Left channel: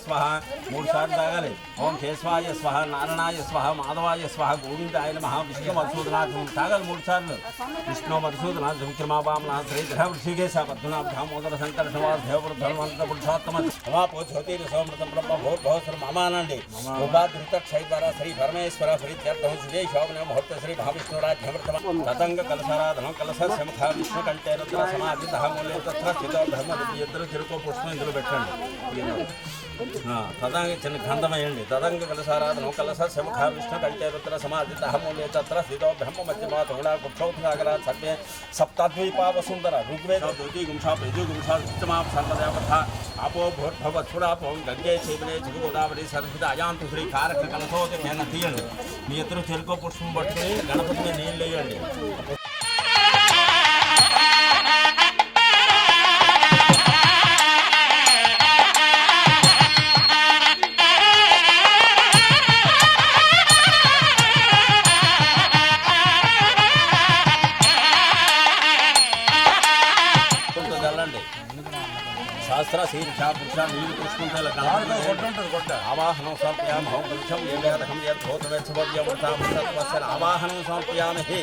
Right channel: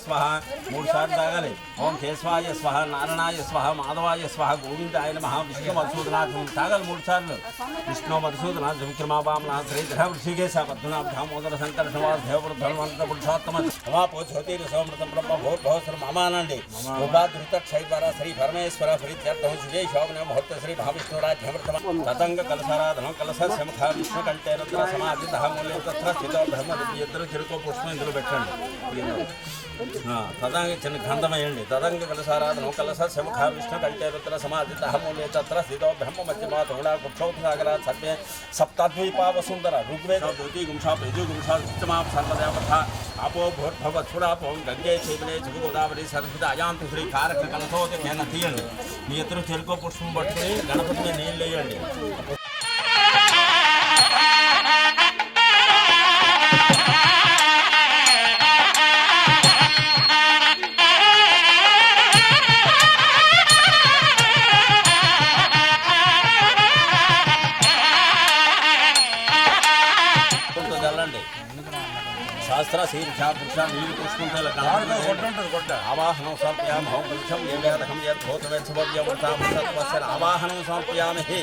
स्वाहा मूड सार्ल तागाली ओं केशवाय स्वाहा नारायणाय स्वाहा माधवाय स्वाहा गोविंदाय नमः विष्णु मधुसूदनाथ तागल मूड सार्ल विष्णु मधुसूदनाथ विक्रमावामनाथ श्री ग्रह ऋषिकेश पद्मनाभ दामोदर शंकर श्रीवास देवपुर धर्मवंत पुरुषोत्तम समापो ज्योतिर सोमृतम ब्रह्म भूत भवसर मामानंदे उपाधृत क्षय द्वारा श्री परमेश्वर प्रीत्यर्थम श्री शोभन मुहूर्त श्री महाविष्णुराज अमृतम ततंग कलशाराधन कलश समुखा विष्णु कंठे रुद्र समाधि मूल्य तथा स्थित धर्म इधर चिरुको पुष्प इंदुलो పెట్టండి तदंग चिन्ह गंधम वेయండి तदंग कलशाराधन कलश समुखा विष्णु कंठे रुद्र समाधि मूल्य तत्र स्थित ब्रह्म मध्यमा तुंगड़ा कुक्षौथसागरा सर्वे सप्तद्वीपा वसुंधरा ऋग्वेद ज्योति गुंशा बेजु गुंशा उत्तमा सर्वदेवता आपो भूर्भव छुड़ापो गंगे चैतन्य जगु गोदावरी सरस्वती अयांतु श्री कारक कलशोद केन తీయండి మీ ఇద్దరు చెరుకు పుష్పం పట్టుకొని గణపతి మీద నీళ్ళు వేయండి शास्त्र शीर्षा पुरुषा नील पुष्पंतल आवाहनं समर्पयामः वृक्षं येवेदकं यद्भूतवेत्सभव्यमृतामृतत्वस्य आवाहनं समर्पयामहे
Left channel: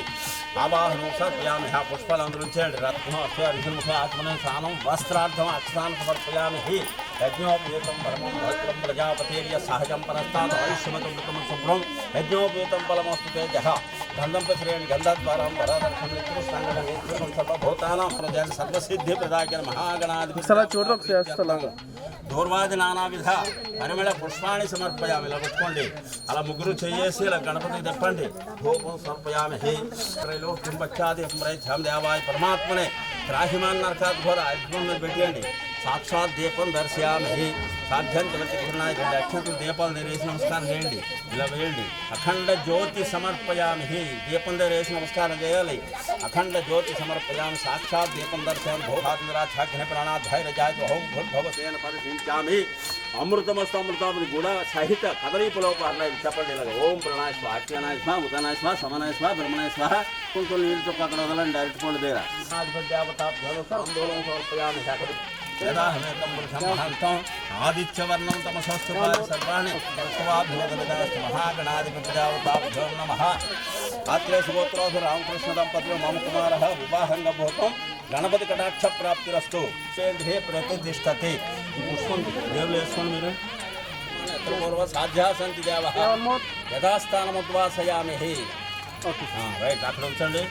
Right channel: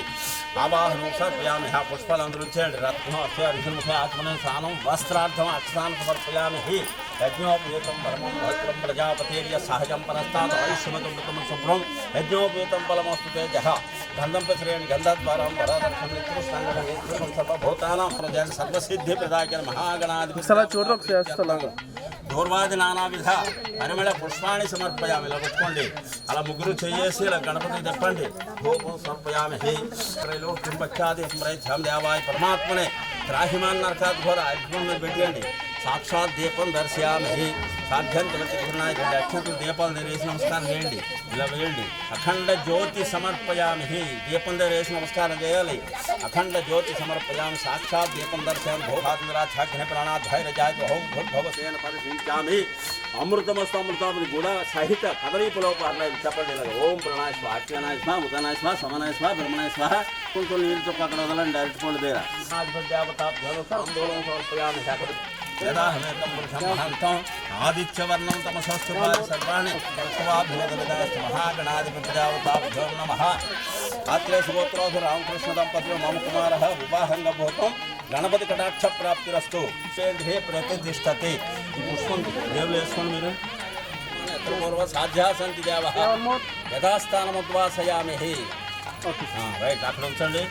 आवाहनं समर्पयामः पुष्पालंदृञ्चेण्डि रत्नः अस्य ऋषिमुखे आत्मने स्नानं वस्त्रार्थम् अक्षतान् समर्पयामहे यज्ञोपवीतं परमं भद्रं प्रजापतेर्य सहजं परस्तात् आयुष्यमतमृतं शुभ्रं यज्ञोपवीतं फलमस्तु तेजः गन्धं प्रसरेण गन्धद्वारं वरदर्शनं नित्यष्टाङ्गं सर्वभूतानां प्रजन् सर्वसिद्धिप्रदायकं महागणाधिपति దూర్వాది నానావిధ పరిమళ పుష్పాన్ని సమర్పయామి. ఇలా పెట్టుకోండి. అలా ముగ్గురు చేసి ఇలా గణపతికి చెప్పండి. ధూపం సమర్పయామి. త్రైలో కింబచ్చాది ధ్యాం దేవాయ పరమాత్మనే త్రాహిమాన్ నరకాత్ ఘోర అగ్ని మీద పెట్టండి. సాక్షాత్ దీపం దర్శయామి. సాధ్యం తెలియకున్నాయి రెండు అక్షంతులు దీపాలు వేసి నమస్కారం చేయండి. ఇలా వేయండి. అఖండ జ్యోతి సమర్పయామి. దీపం వేసి నమస్కారం చేయాలి. అఖండ జ్యోతి సమర్పయామి. సాక్షాత్ దీపం దర్శయామి. భోగాగ్ని ప్రాణాధ్యాయ ఓం భూర్భవసేన పరిశీలించామి. అమృతమస్తు అమృతామృతి గుణ సహిత కదలీపులోపాలయ చెప్పండి. ఇలాగ ఓం ప్రణాయ స్వ అఖ్యానాయ స్వ ముతనాయ స్వ సమనాయ స్వ బ్రహ్మణాయ స్వ. కొంచెం నీళ్ళు చొక్క అక్కడ వదలండి. డైరెక్ట్ దగ్గర ఆందోళన సమర్పయామి. यदाहमेतं पुरुषं महन्तं आदित्यवर्णं तमसस्तु सर्वाणि भगवद्गीतास्तु महागणाधिपतिदेवताभ्यो नमः. अत्रे सुगोत्रोऽधु रामकृष्णदम्पतियो मम कुमारः विवाहङ्गभूतं गणपति कटाक्ष प्राप्तिरस्तु सेन्द्रे प्रतिष्ठते. ఈ పుష్పం దేవులు వేసుకోండి. మీరు పూర్వ సాధ్యా సంతి దేవः యథాస్థానముద్వాసయామి. రైట్ అక్కడ ఉంచండి.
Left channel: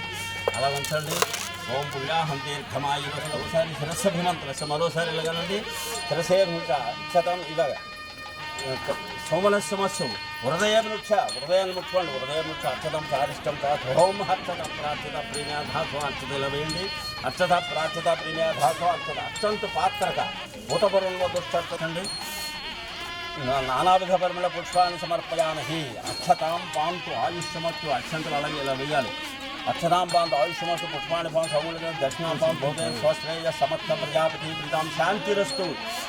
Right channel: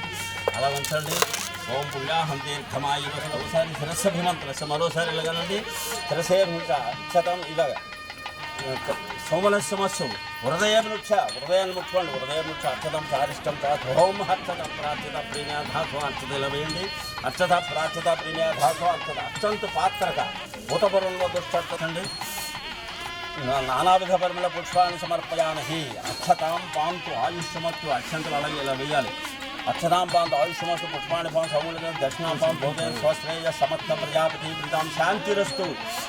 అలా ఉంచండి. ఓం పుణ్యాహం దీర్ఘమాయుర ఒకసారి శిరస్సభిమంత్ర మరోసారి ఇలాగనండి. శిరసే అక్షతం ఇలాగ సోమనస్యమస్సు హృదయాన్ని ముట్టుకోండి. హృదయముక్ష అక్షతం చారిష్టం ఓం అక్షత ప్రాచ్యత ప్రీణ్యాధాసో అక్షత ఇలా వేయండి. అక్షత ప్రాచ్యత ప్రీణ్యాధాసో అక్షత అక్షంతు పాత్రక భూతపూర్వంలో దుష్టండి. నానావిధ పరిమళ పుష్పాన్ని సమర్పయామి. అక్షతాం పాంతు ఆయుష్యమత్తు అక్షంతలు అలాగే ఇలా వేయాలి. अक्षतां पांत आयुष्यमस्तु पुष्पाणि पांत समूलते दक्षिणां पांत भोजन स्वश्रेय समस्त प्रजापति प्रीतां शांतिरस्तु.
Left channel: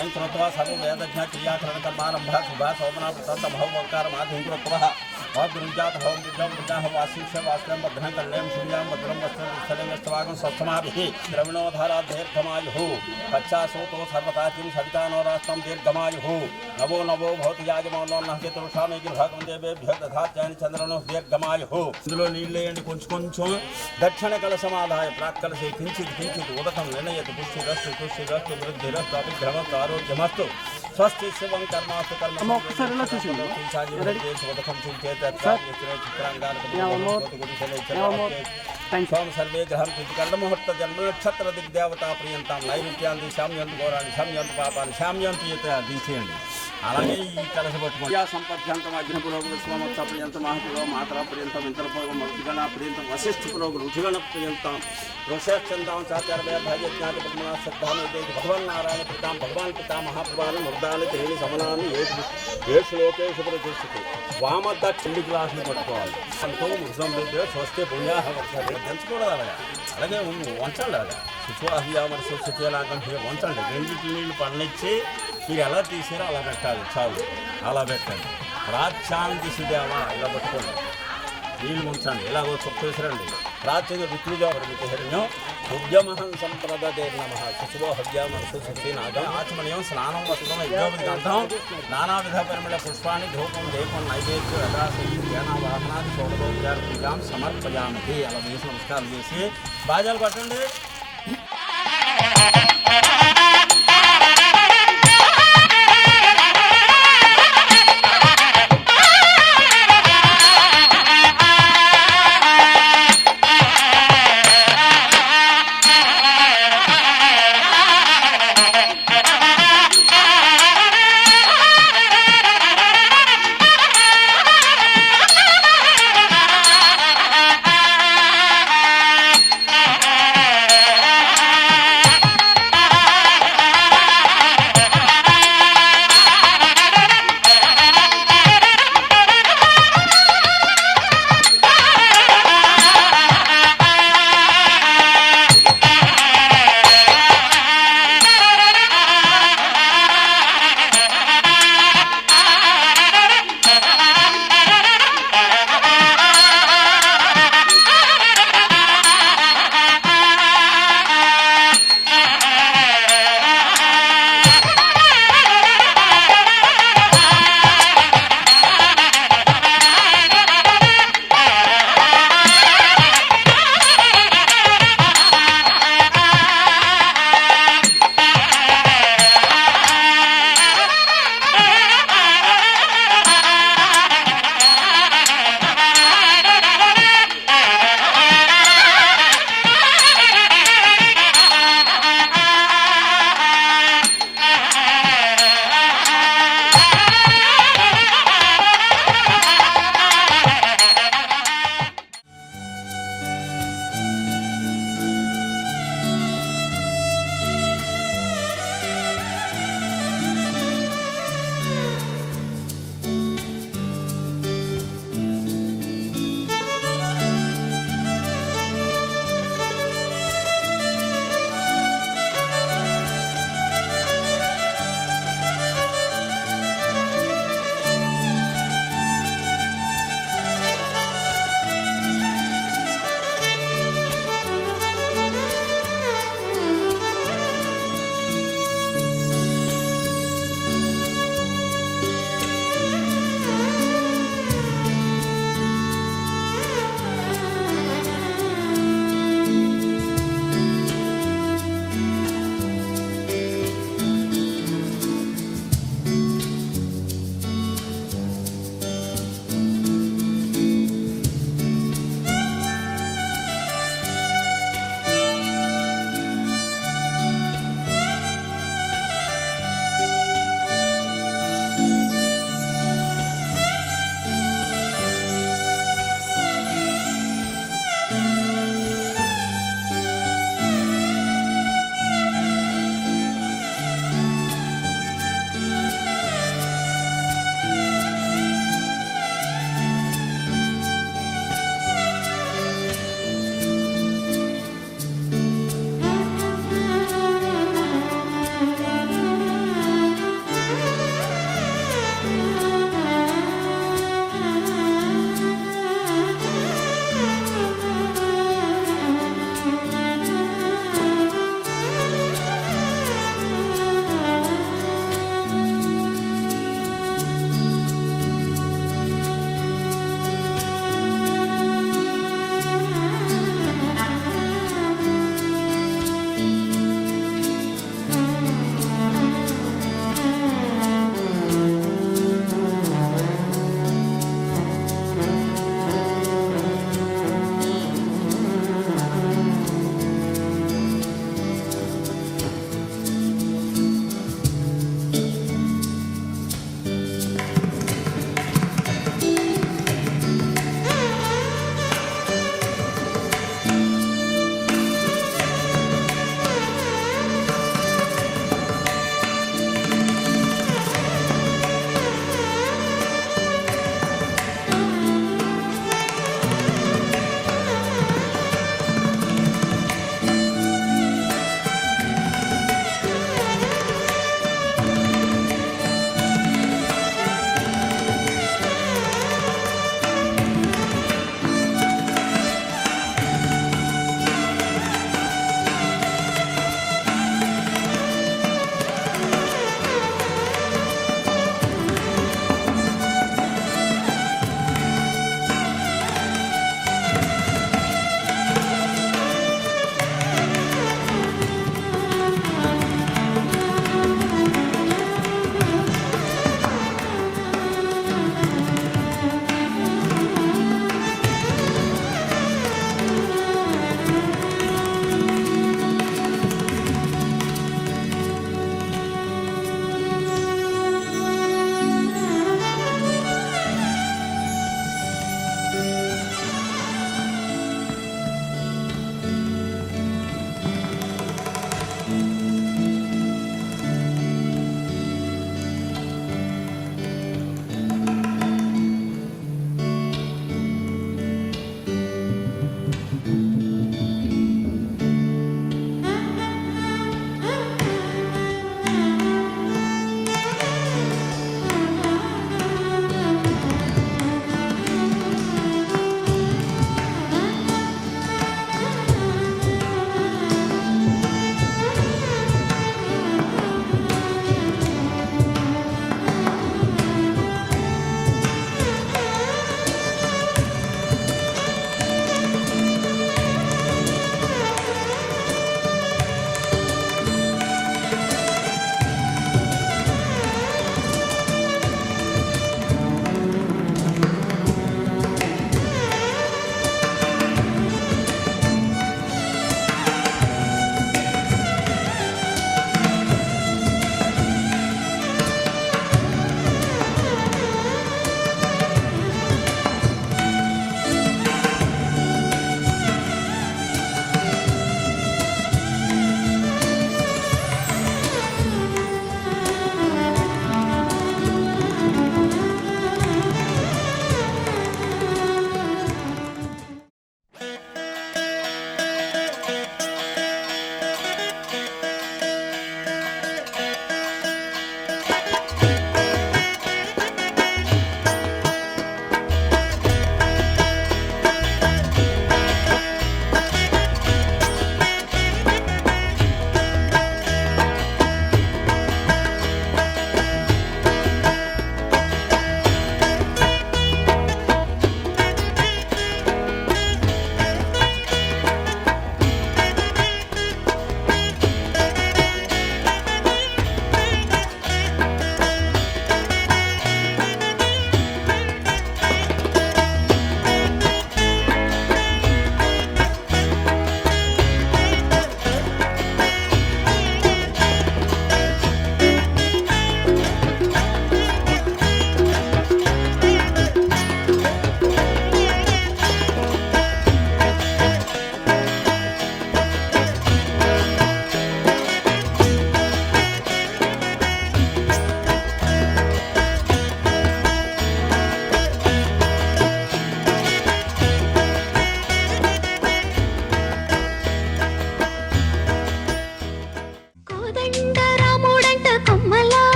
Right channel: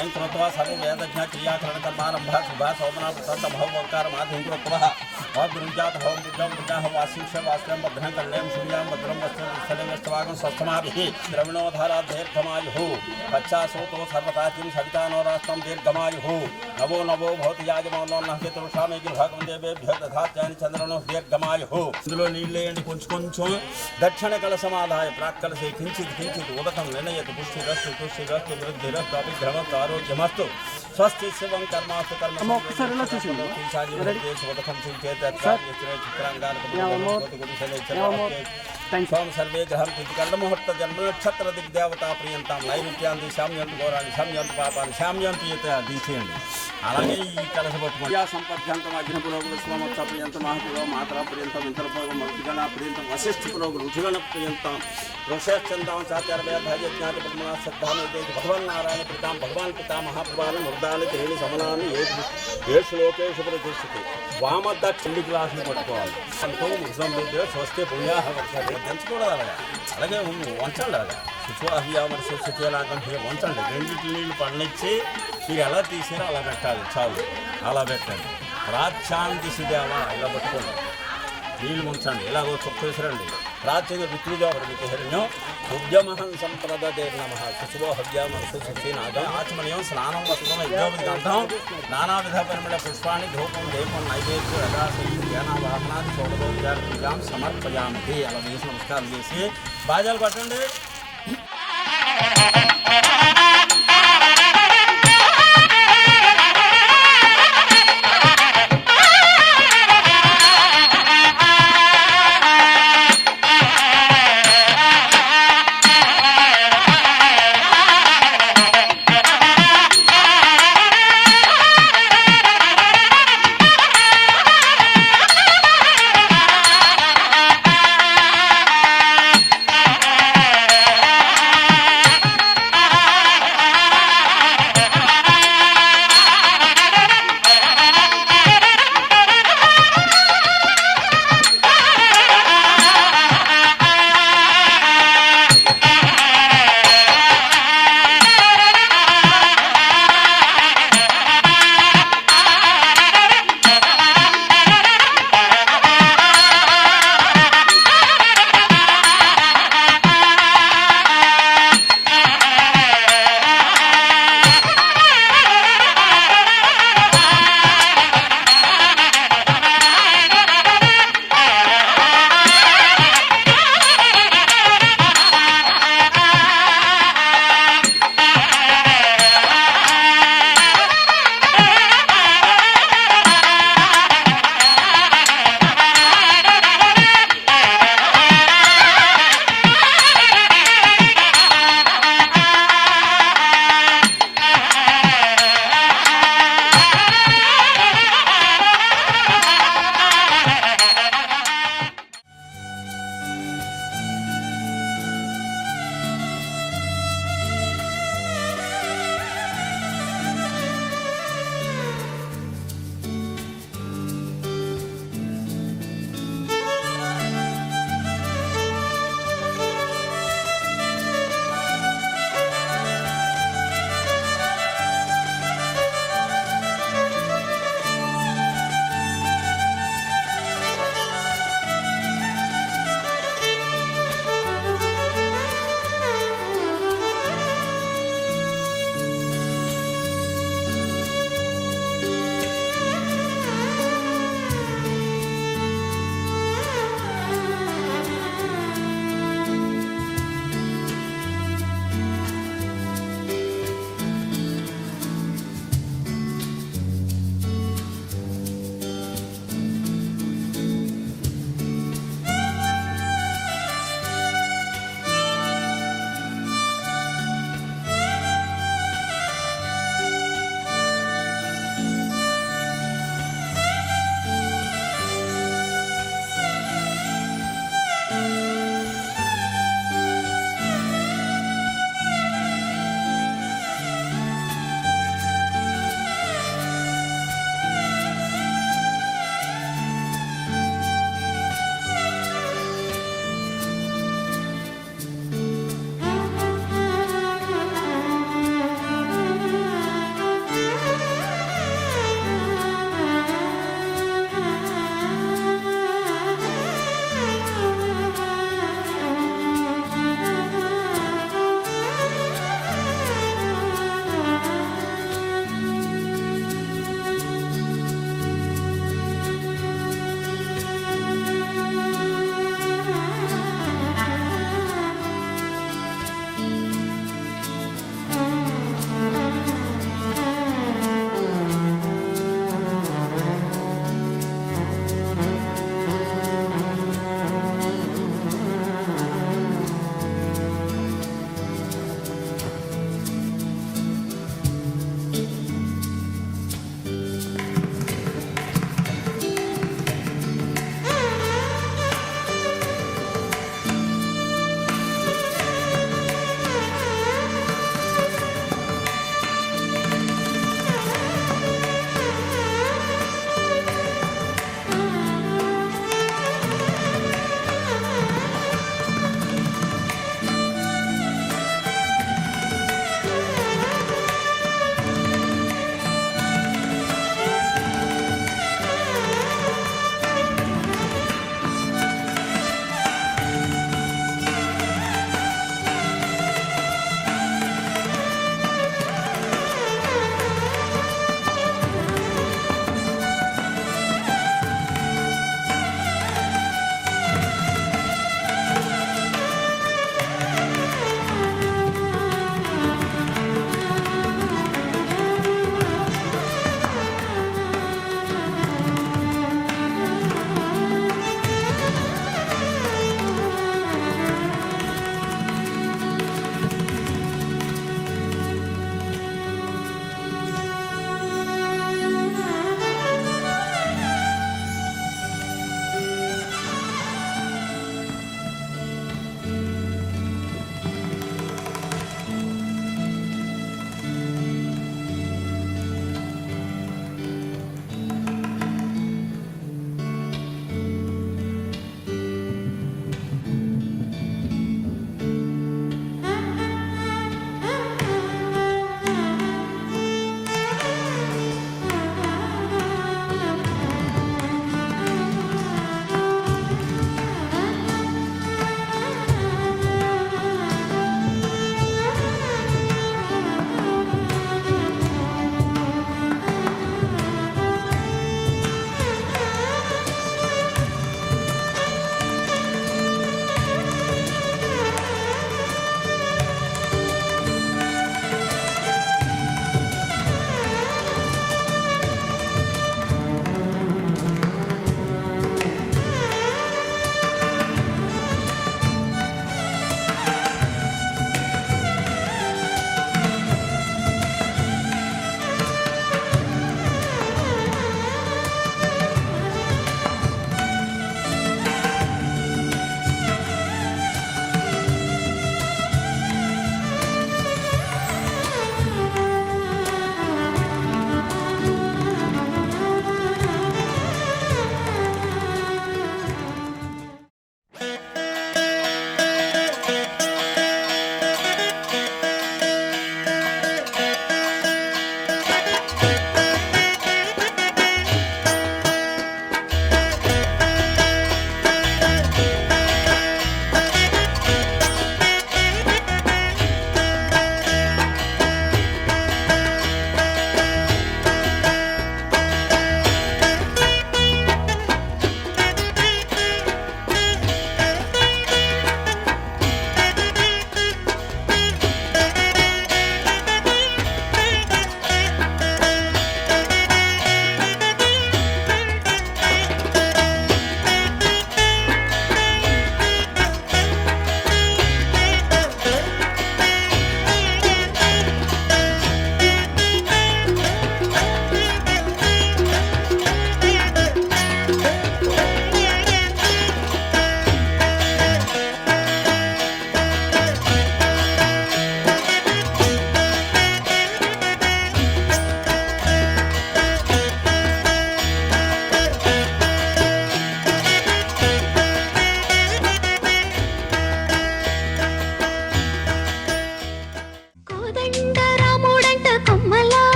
एं कृत्वा सर्व वेदज्ञ क्रियाकरणकर्मारम्भः शुभः शोभना तत्तभवकार माध्यं कृत्वा भद्रुजात हवं बुद्धं बुद्धाः वासिष्य वास्त्रं भद्रं कल्यां शून्यां भद्रं वस्त्रं स्थलेंगस्तवागं स्वस्थमाभिः द्रविणोधाराध्यर्थमायुः पच्चासोतो सर्वताचिं सवितानो राष्ट्रं दीर्घमायुः नवो नवो भवति याजमानो नहकेतुषामे गिर्भागं देवेभ्यो दधात्यानि चन्द्रनो दीर्घमायुः ఇందులో నీళ్ళేయండి కొంచెం కొంచెం దక్షిణ కలసమాదాయ ప్రాక్కలసే కించిత్ కించిత్ ఉదకం నిర్ణయతు పుష్టిరస్తు తుష్టిరస్తు వృద్ధిరస్తు అభిగ్రహమస్తు ఆరోగ్యమస్తు స్వస్తి శివం కర్మాస్తు కర్మ ఉదకం చించేత సర్వే గ్రహం కర్ణముహూర్త జన్మ నక్షత్ర దిగ్దేవతా ప్రియంతాం నైరుత్యాన్ని శామ్యంతు ఘోరాన్ని శామ్యంతు పాపాన్ని శామ్యంతు తీసేయండి. అలాగే ఈ కలస పట్టుకోండి సంపర్యంతం అగ్ని పురోగులు స్వమత్స ప్రియంతం మహపురో మాత్రా ప్రియంతం ఇంతర పురోగం రుచిగణ ప్రియంతం వశిష్ఠ పురోగులు రుచిగణ ప్రియంతం ఋషశ్చందాం చాచార్యజ్ఞాతి పద్మనా శ్రద్ధాను భగవన్ నారాయణ పితాం భగవాన్ పితా మహాప్రభాన్ని మృదాన్ని త్రీని సమనాన్ని ఏ శ్లోకేషు ప్రతిష్ఠితి వామద్ద కింది గ్లాసులు పట్టుకోవాలి అంటూ ముసం స్వస్తి పుణ్యాహ దంచకూడదు అలాగే వంచండి అలాగా శుచివాహ్యామరి శుచిలాగం వంచండి రెండింటి నీళ్ళు పడనిచ్చి మీరు ఎలా తీసారో అలా పెట్టాలి చాలు అలా పెట్టండి. ప్రాచ్యాన్ దిశదేవా ఇలా పట్టుకోండి నీళ్ళు ఉంచండి ఇలాగో చొక్క విసరండి. ప్రాచ్యం ఋతుజాపరిమితి హిరణ్యం ఉద్యమహం సంప్రదే నమ శుశుభో హవ్యామనసు శుచీనాగం ఆచమనీయం స్నానం వస్త్రం యజ్ఞోపతి గంధం నానావిధ పరిమళ పుష్పాన్ని ధూపం దీపం నైవేద్యం యథాశయం జ్ఞానవాహనాది షోడశోపచార పూజాం సమర్పయామి. అలా వేసి నమస్కారం చేసి బాజాలు పట్టండి.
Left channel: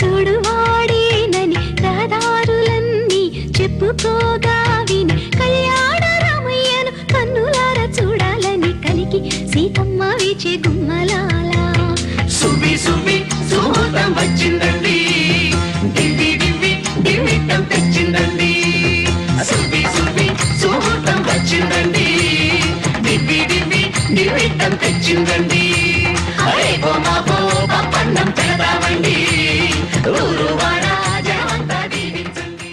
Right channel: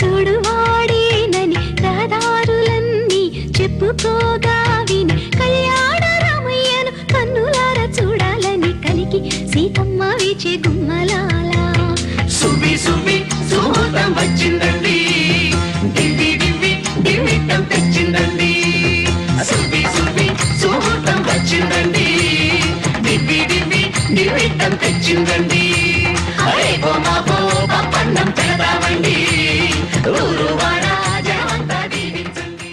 చూడు వాడేనని రహదారులన్నీ చెప్పుకోగా విని కళ్యాణ రామయ్యను కన్నులార చూడాలని కలికి సీతమ్మ వీచే గుమ్మలాలా. సువి సువి సుహూర్తం వచ్చిందండి, దివ్వి దివ్వి దివ్విట్టం తెచ్చిందండి. సువి సువి సుహూర్తం వచ్చిందండి, దివ్వి దివ్వి దివ్విట్టం తెచ్చిందండి. రేపో మాపో పప్పన్నం పెడతామండి, ఊరు వాడ జనమంతా దీవించండి.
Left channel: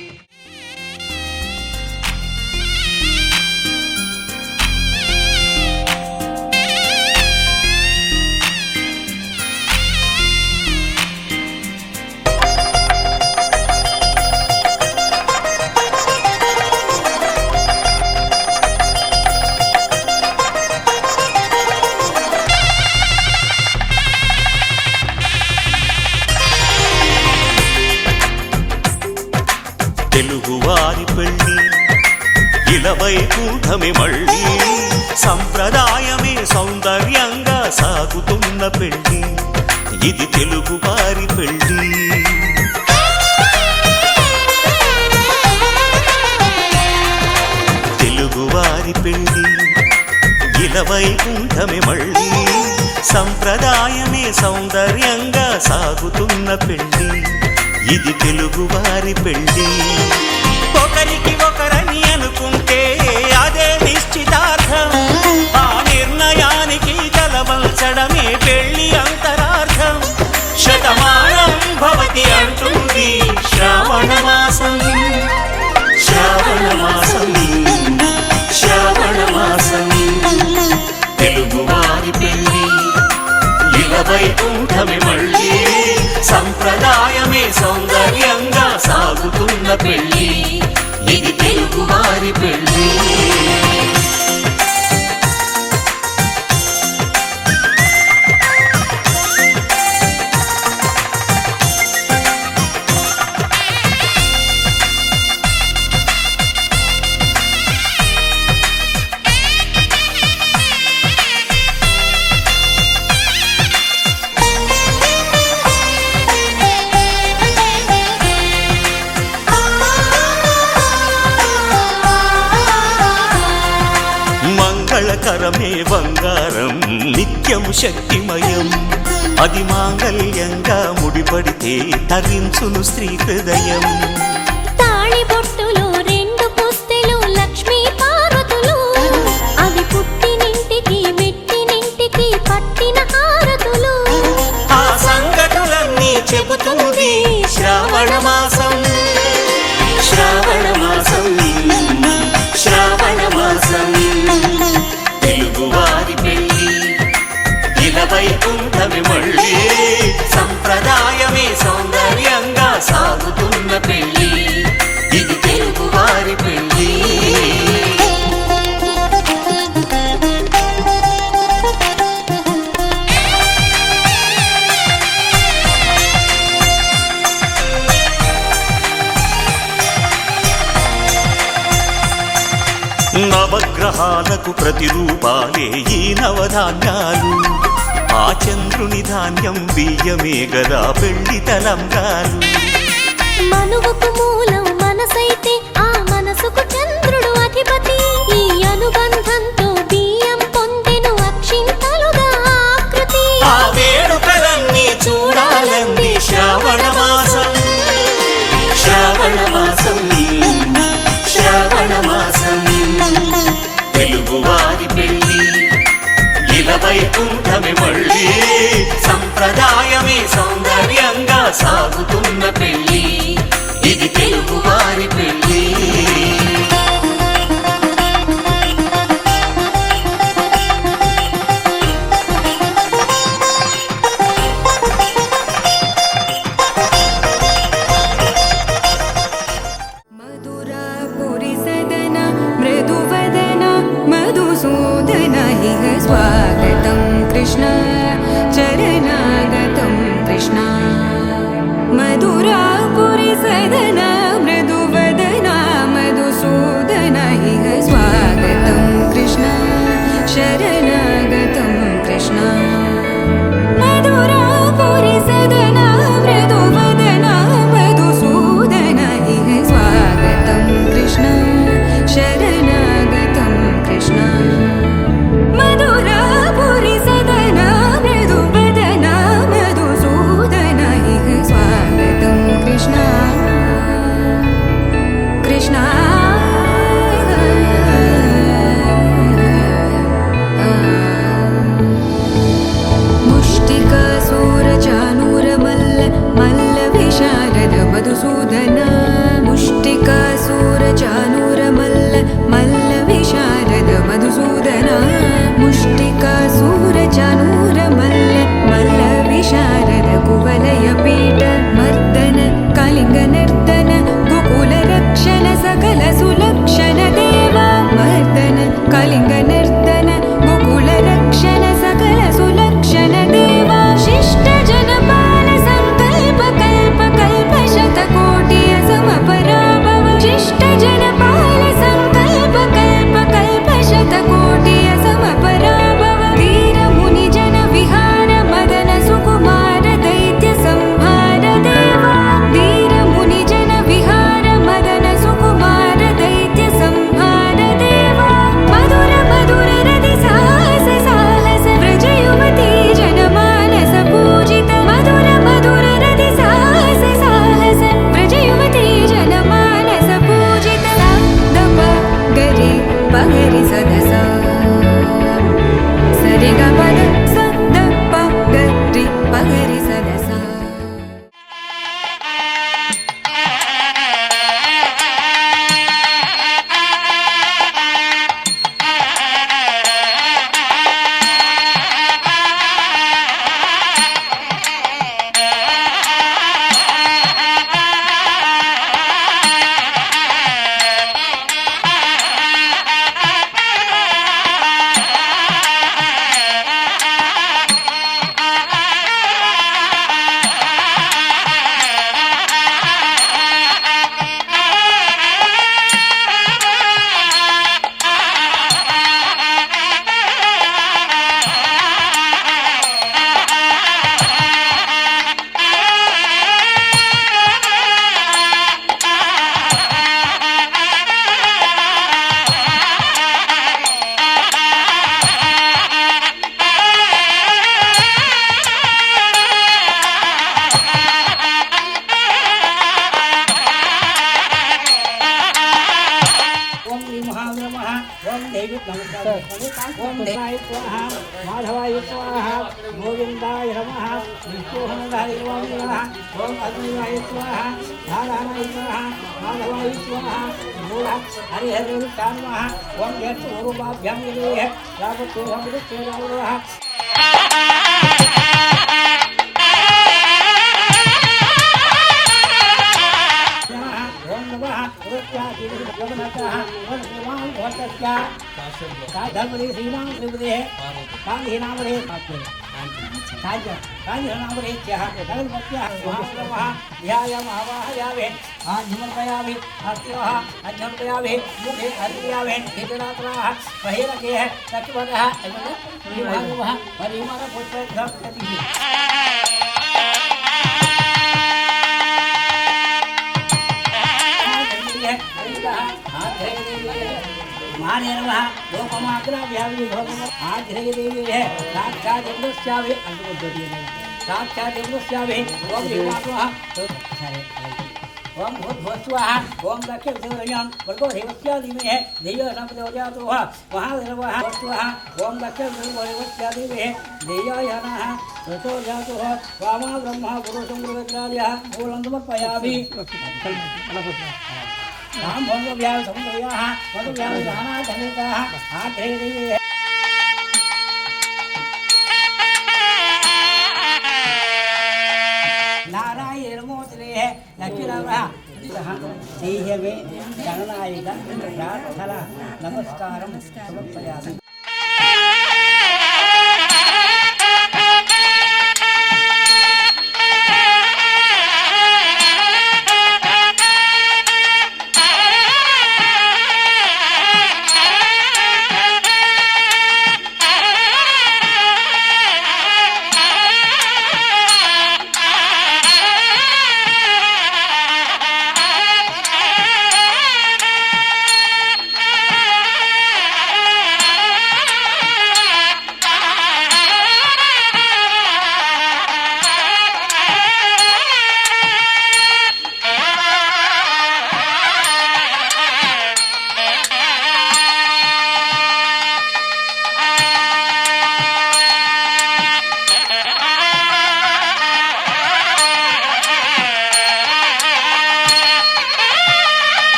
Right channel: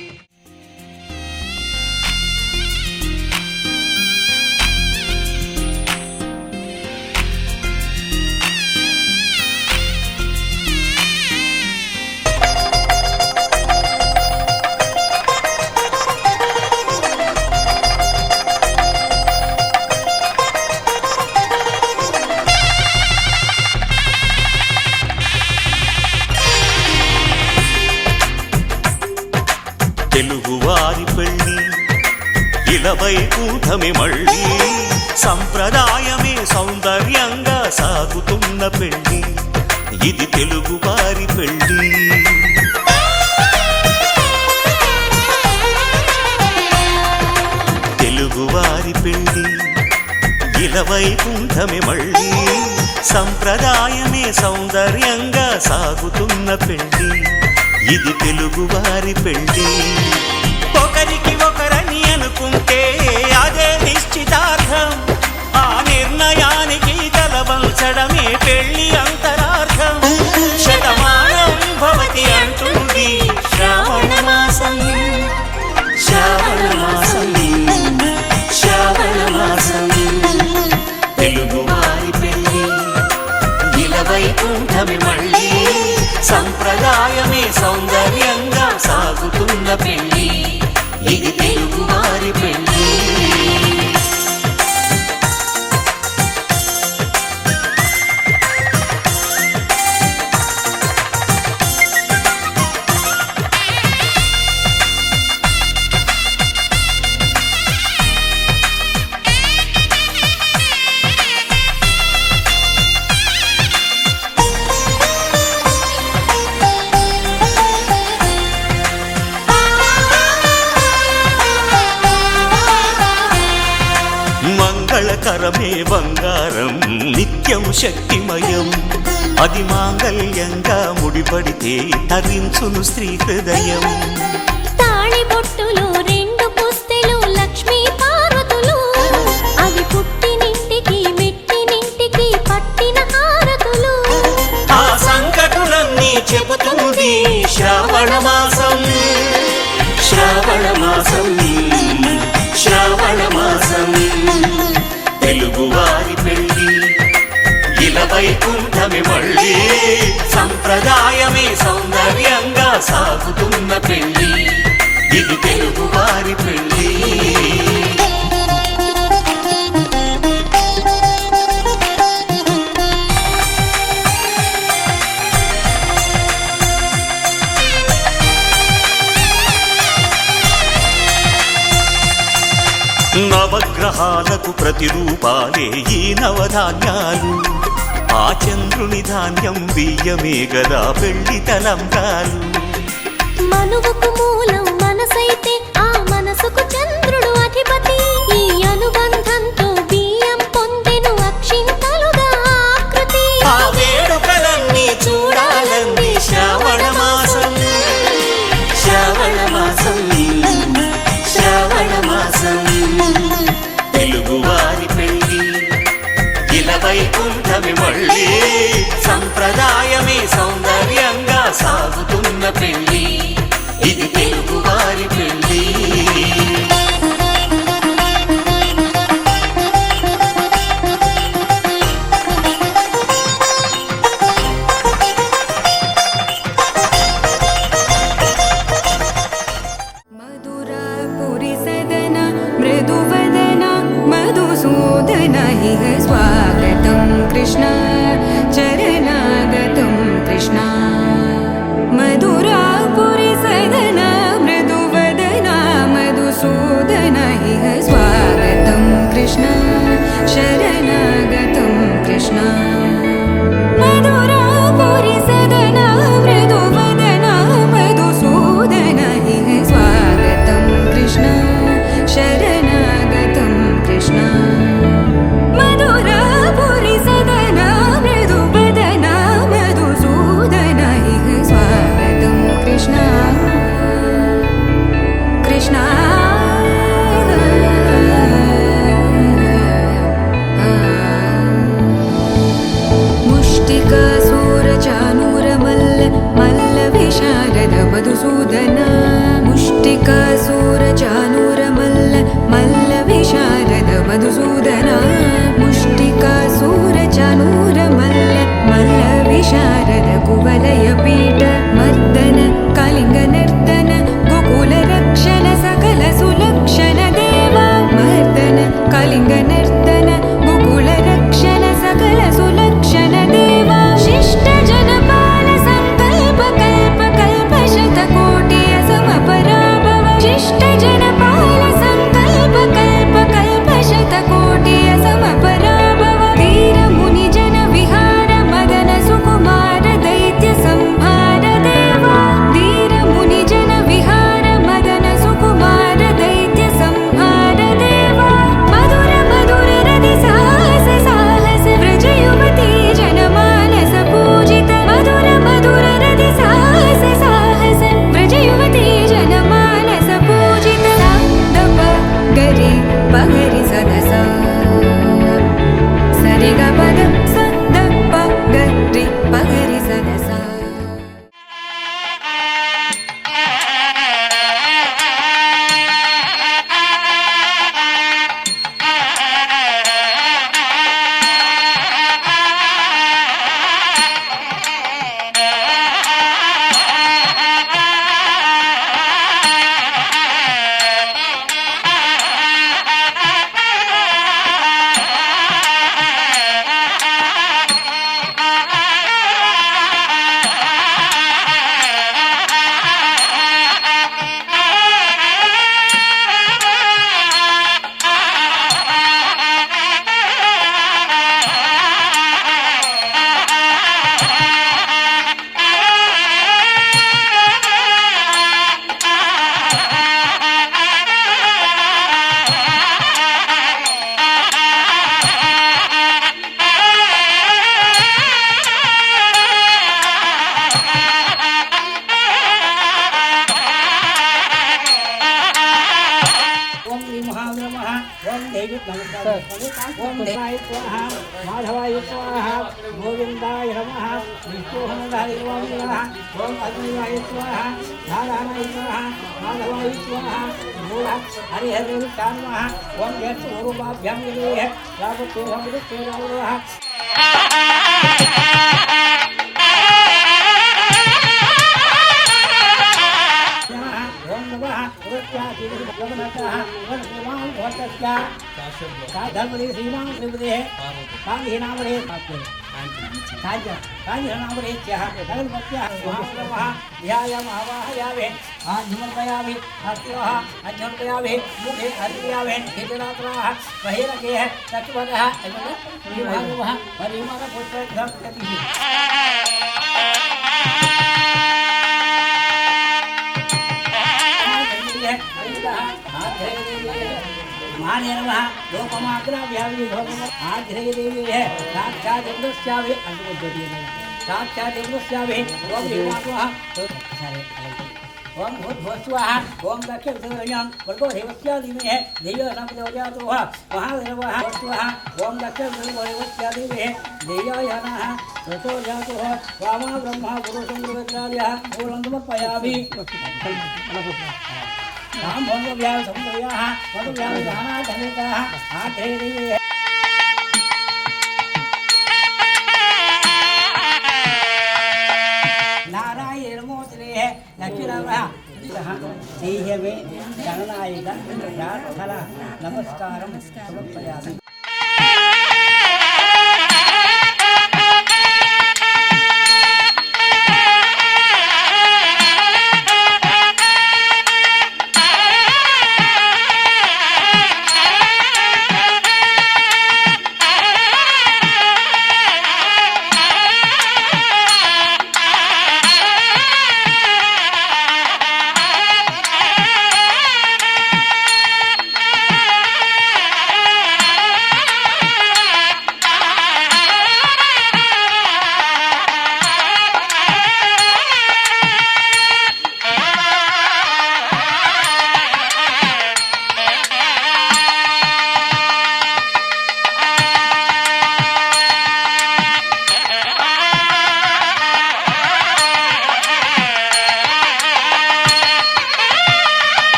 తెలుగువారి పెళ్ళి ఇలవైకుంఠమే మళ్ళీ, సంప్రదాయమే సౌందర్యంగా సాగుతున్న పెళ్ళి, ఇది తెలుగువారి పెళ్ళి. తెలుగువారి పెళ్ళి ఇలవైకుంఠమే మళ్ళీ, సంప్రదాయమే సౌందర్యంగా సాగుతున్న పెళ్ళి, ఇది తెలుగువారి పెళ్ళి. ఒకరికి ఒకరని అనుకుంటే అదే నిశ్చితార్థం, ఆ నిర్ణయానికి తలవంచడమే పెళ్ళి అంతరార్థం. శతమానం భవతి అంటుంది శ్రావణ మాసం, శ్రావణ మాసం, శ్రావణ మాసం. తెలుగువారి పెళ్ళి ఇలవైకుంఠమే మళ్ళీ, సంప్రదాయమే సౌందర్యంగా సాగుతున్న పెళ్ళి, ఇది తెలుగువారి పెళ్ళి. మంగళకరమే బంగారం నిత్యం శక్తిమయం, అది మాంగళ్యంగా ముడిపడితే తరించును స్త్రీ హృదయం. తాళి బొట్టులో రెండు పుస్తెలు లక్ష్మీ పార్వతులు, అవి పుట్టినింటికి మెట్టినింటికి పట్టిన హారతులు. ఆ సంగతులన్నీ చెబుతుంది శ్రావణ మాసం, శ్రావణ మాసం, శ్రావణ మాసం. తెలుగువారి పెళ్ళి ఇలవైకుంఠమే మళ్ళీ, సంప్రదాయమే సౌందర్యంగా సాగుతున్న పెళ్ళి, ఇది తెలుగువారి పెళ్ళి. నవగ్రహాలకు ప్రతిరూపాలే ఈ నవధాన్యాలు, ఆ చంద్రుని ధాన్యం బియ్యమే గదా పెళ్లి తలంబ్రాలు. మనువుకు మూలం మనసైతే ఆ మనసుకు చంద్రుడు అధిపతి, ఈ అనుబంధంతో బియ్యం పొందెను అక్షింతలుగా ఆకృతి. ఆ వేడుకలన్నీ చూడాలంది శ్రావణ మాసం, శ్రావణ మాసం, శ్రావణ మాసం. తెలుగువారి పెళ్ళి ఇలవైకుంఠమే మళ్ళీ, సంప్రదాయమే సౌందర్యంగా సాగుతున్న పెళ్ళి, ఇది తెలుగువారి పెళ్ళి. स्वागतं कृष्ण चरणागतं कृष्ण मधुरापुरी सदना मृदुवदना मधुसूदना इह स्वागतं कृष्ण शरणागतं कृष्ण मधुरापुरी सदना मृदुवदना कुवलयपीठ मर्दन कलिङ्गनर्तन गोकुलरक्षण सकल सुलक्षण देवा मर्दन कलिङ्गनर्तन गोकुलरक्षण सकल सुलक्षण देवा शिष्ट जनपाल संकल्प कल्प कल्प शतकोटि असमपराभव शिष्ट जनपाल संकल्प कल्प कल्प शतकोटि असमपराभव वीर मुनि जन विहार मदन सुकुमार दैत्य संहार देवा वीर मुनि जन विहार मदन सुकुमार दैत्य संहार देवा मधुर मधुर रति साहस साहस व्रज युवती जनमानस पूजित मधुर मधुर रति साहस साहस व्रज युवती जनमानस पूजित सा दप गरि पगरि सदसा सरि ग पद स द प गरि पगरि सदसा ओम श्री महाब्रह्मः ओम देवी ओम देवाय स्वाहा माधवाय स्वाहा गोविंदाय नमः विष्णुहनदाय नमः ओम अग्निवाय स्वाहा नारायणाय स्वाहा माधवाय स्वाहा मूला हरिहरे नमः ओम यत् स्वरूपाभ्यां विदेह रावतो हमृते रावः ओम नमः पुरस्याति भगवतः ओम श्रीमान भवतस्य धर्मदे श्रीमान श्रीमदे कान्हि नामरे कान्हि नामरे च भगवत्या महानमः ध्यायाम आवाहयामि आध्मर्पयामि हस्त्यः अध्यर्पयामि मुखे अर्पयामि हितरात्राः बहिरकेः तत्वतः विभागवः परिमल पुष्पधर्मति महाने नमः लोकमाग्राभ्यामि भगवत् आग्रहे देवी है साक्षात् इंद्रस्याभि साक्षात् इंद्रस्याभि ओम देवात्मः ओम भूतभुवस्वाहा ओम दक्षिणदेवयं भर्गो देवस्य धीमहि धियो न प्रचोदयात् महादेवः स्वाहा ओम दक्षिणदेवस्य धीमहि धियो नः प्रचोदयात् वामा ब्रह्मा पुरुषं गुरुविद्यालयः मूलं समर्पयामि राम भंगव्याय समन्वयाः मधुव्याय दानाधनेताः आग्रहे देवी नारायण नमोस्तुते लक्ष्मीनारायण देहवे गणनायक प्रार्थना नमस्कारं समर्पयामि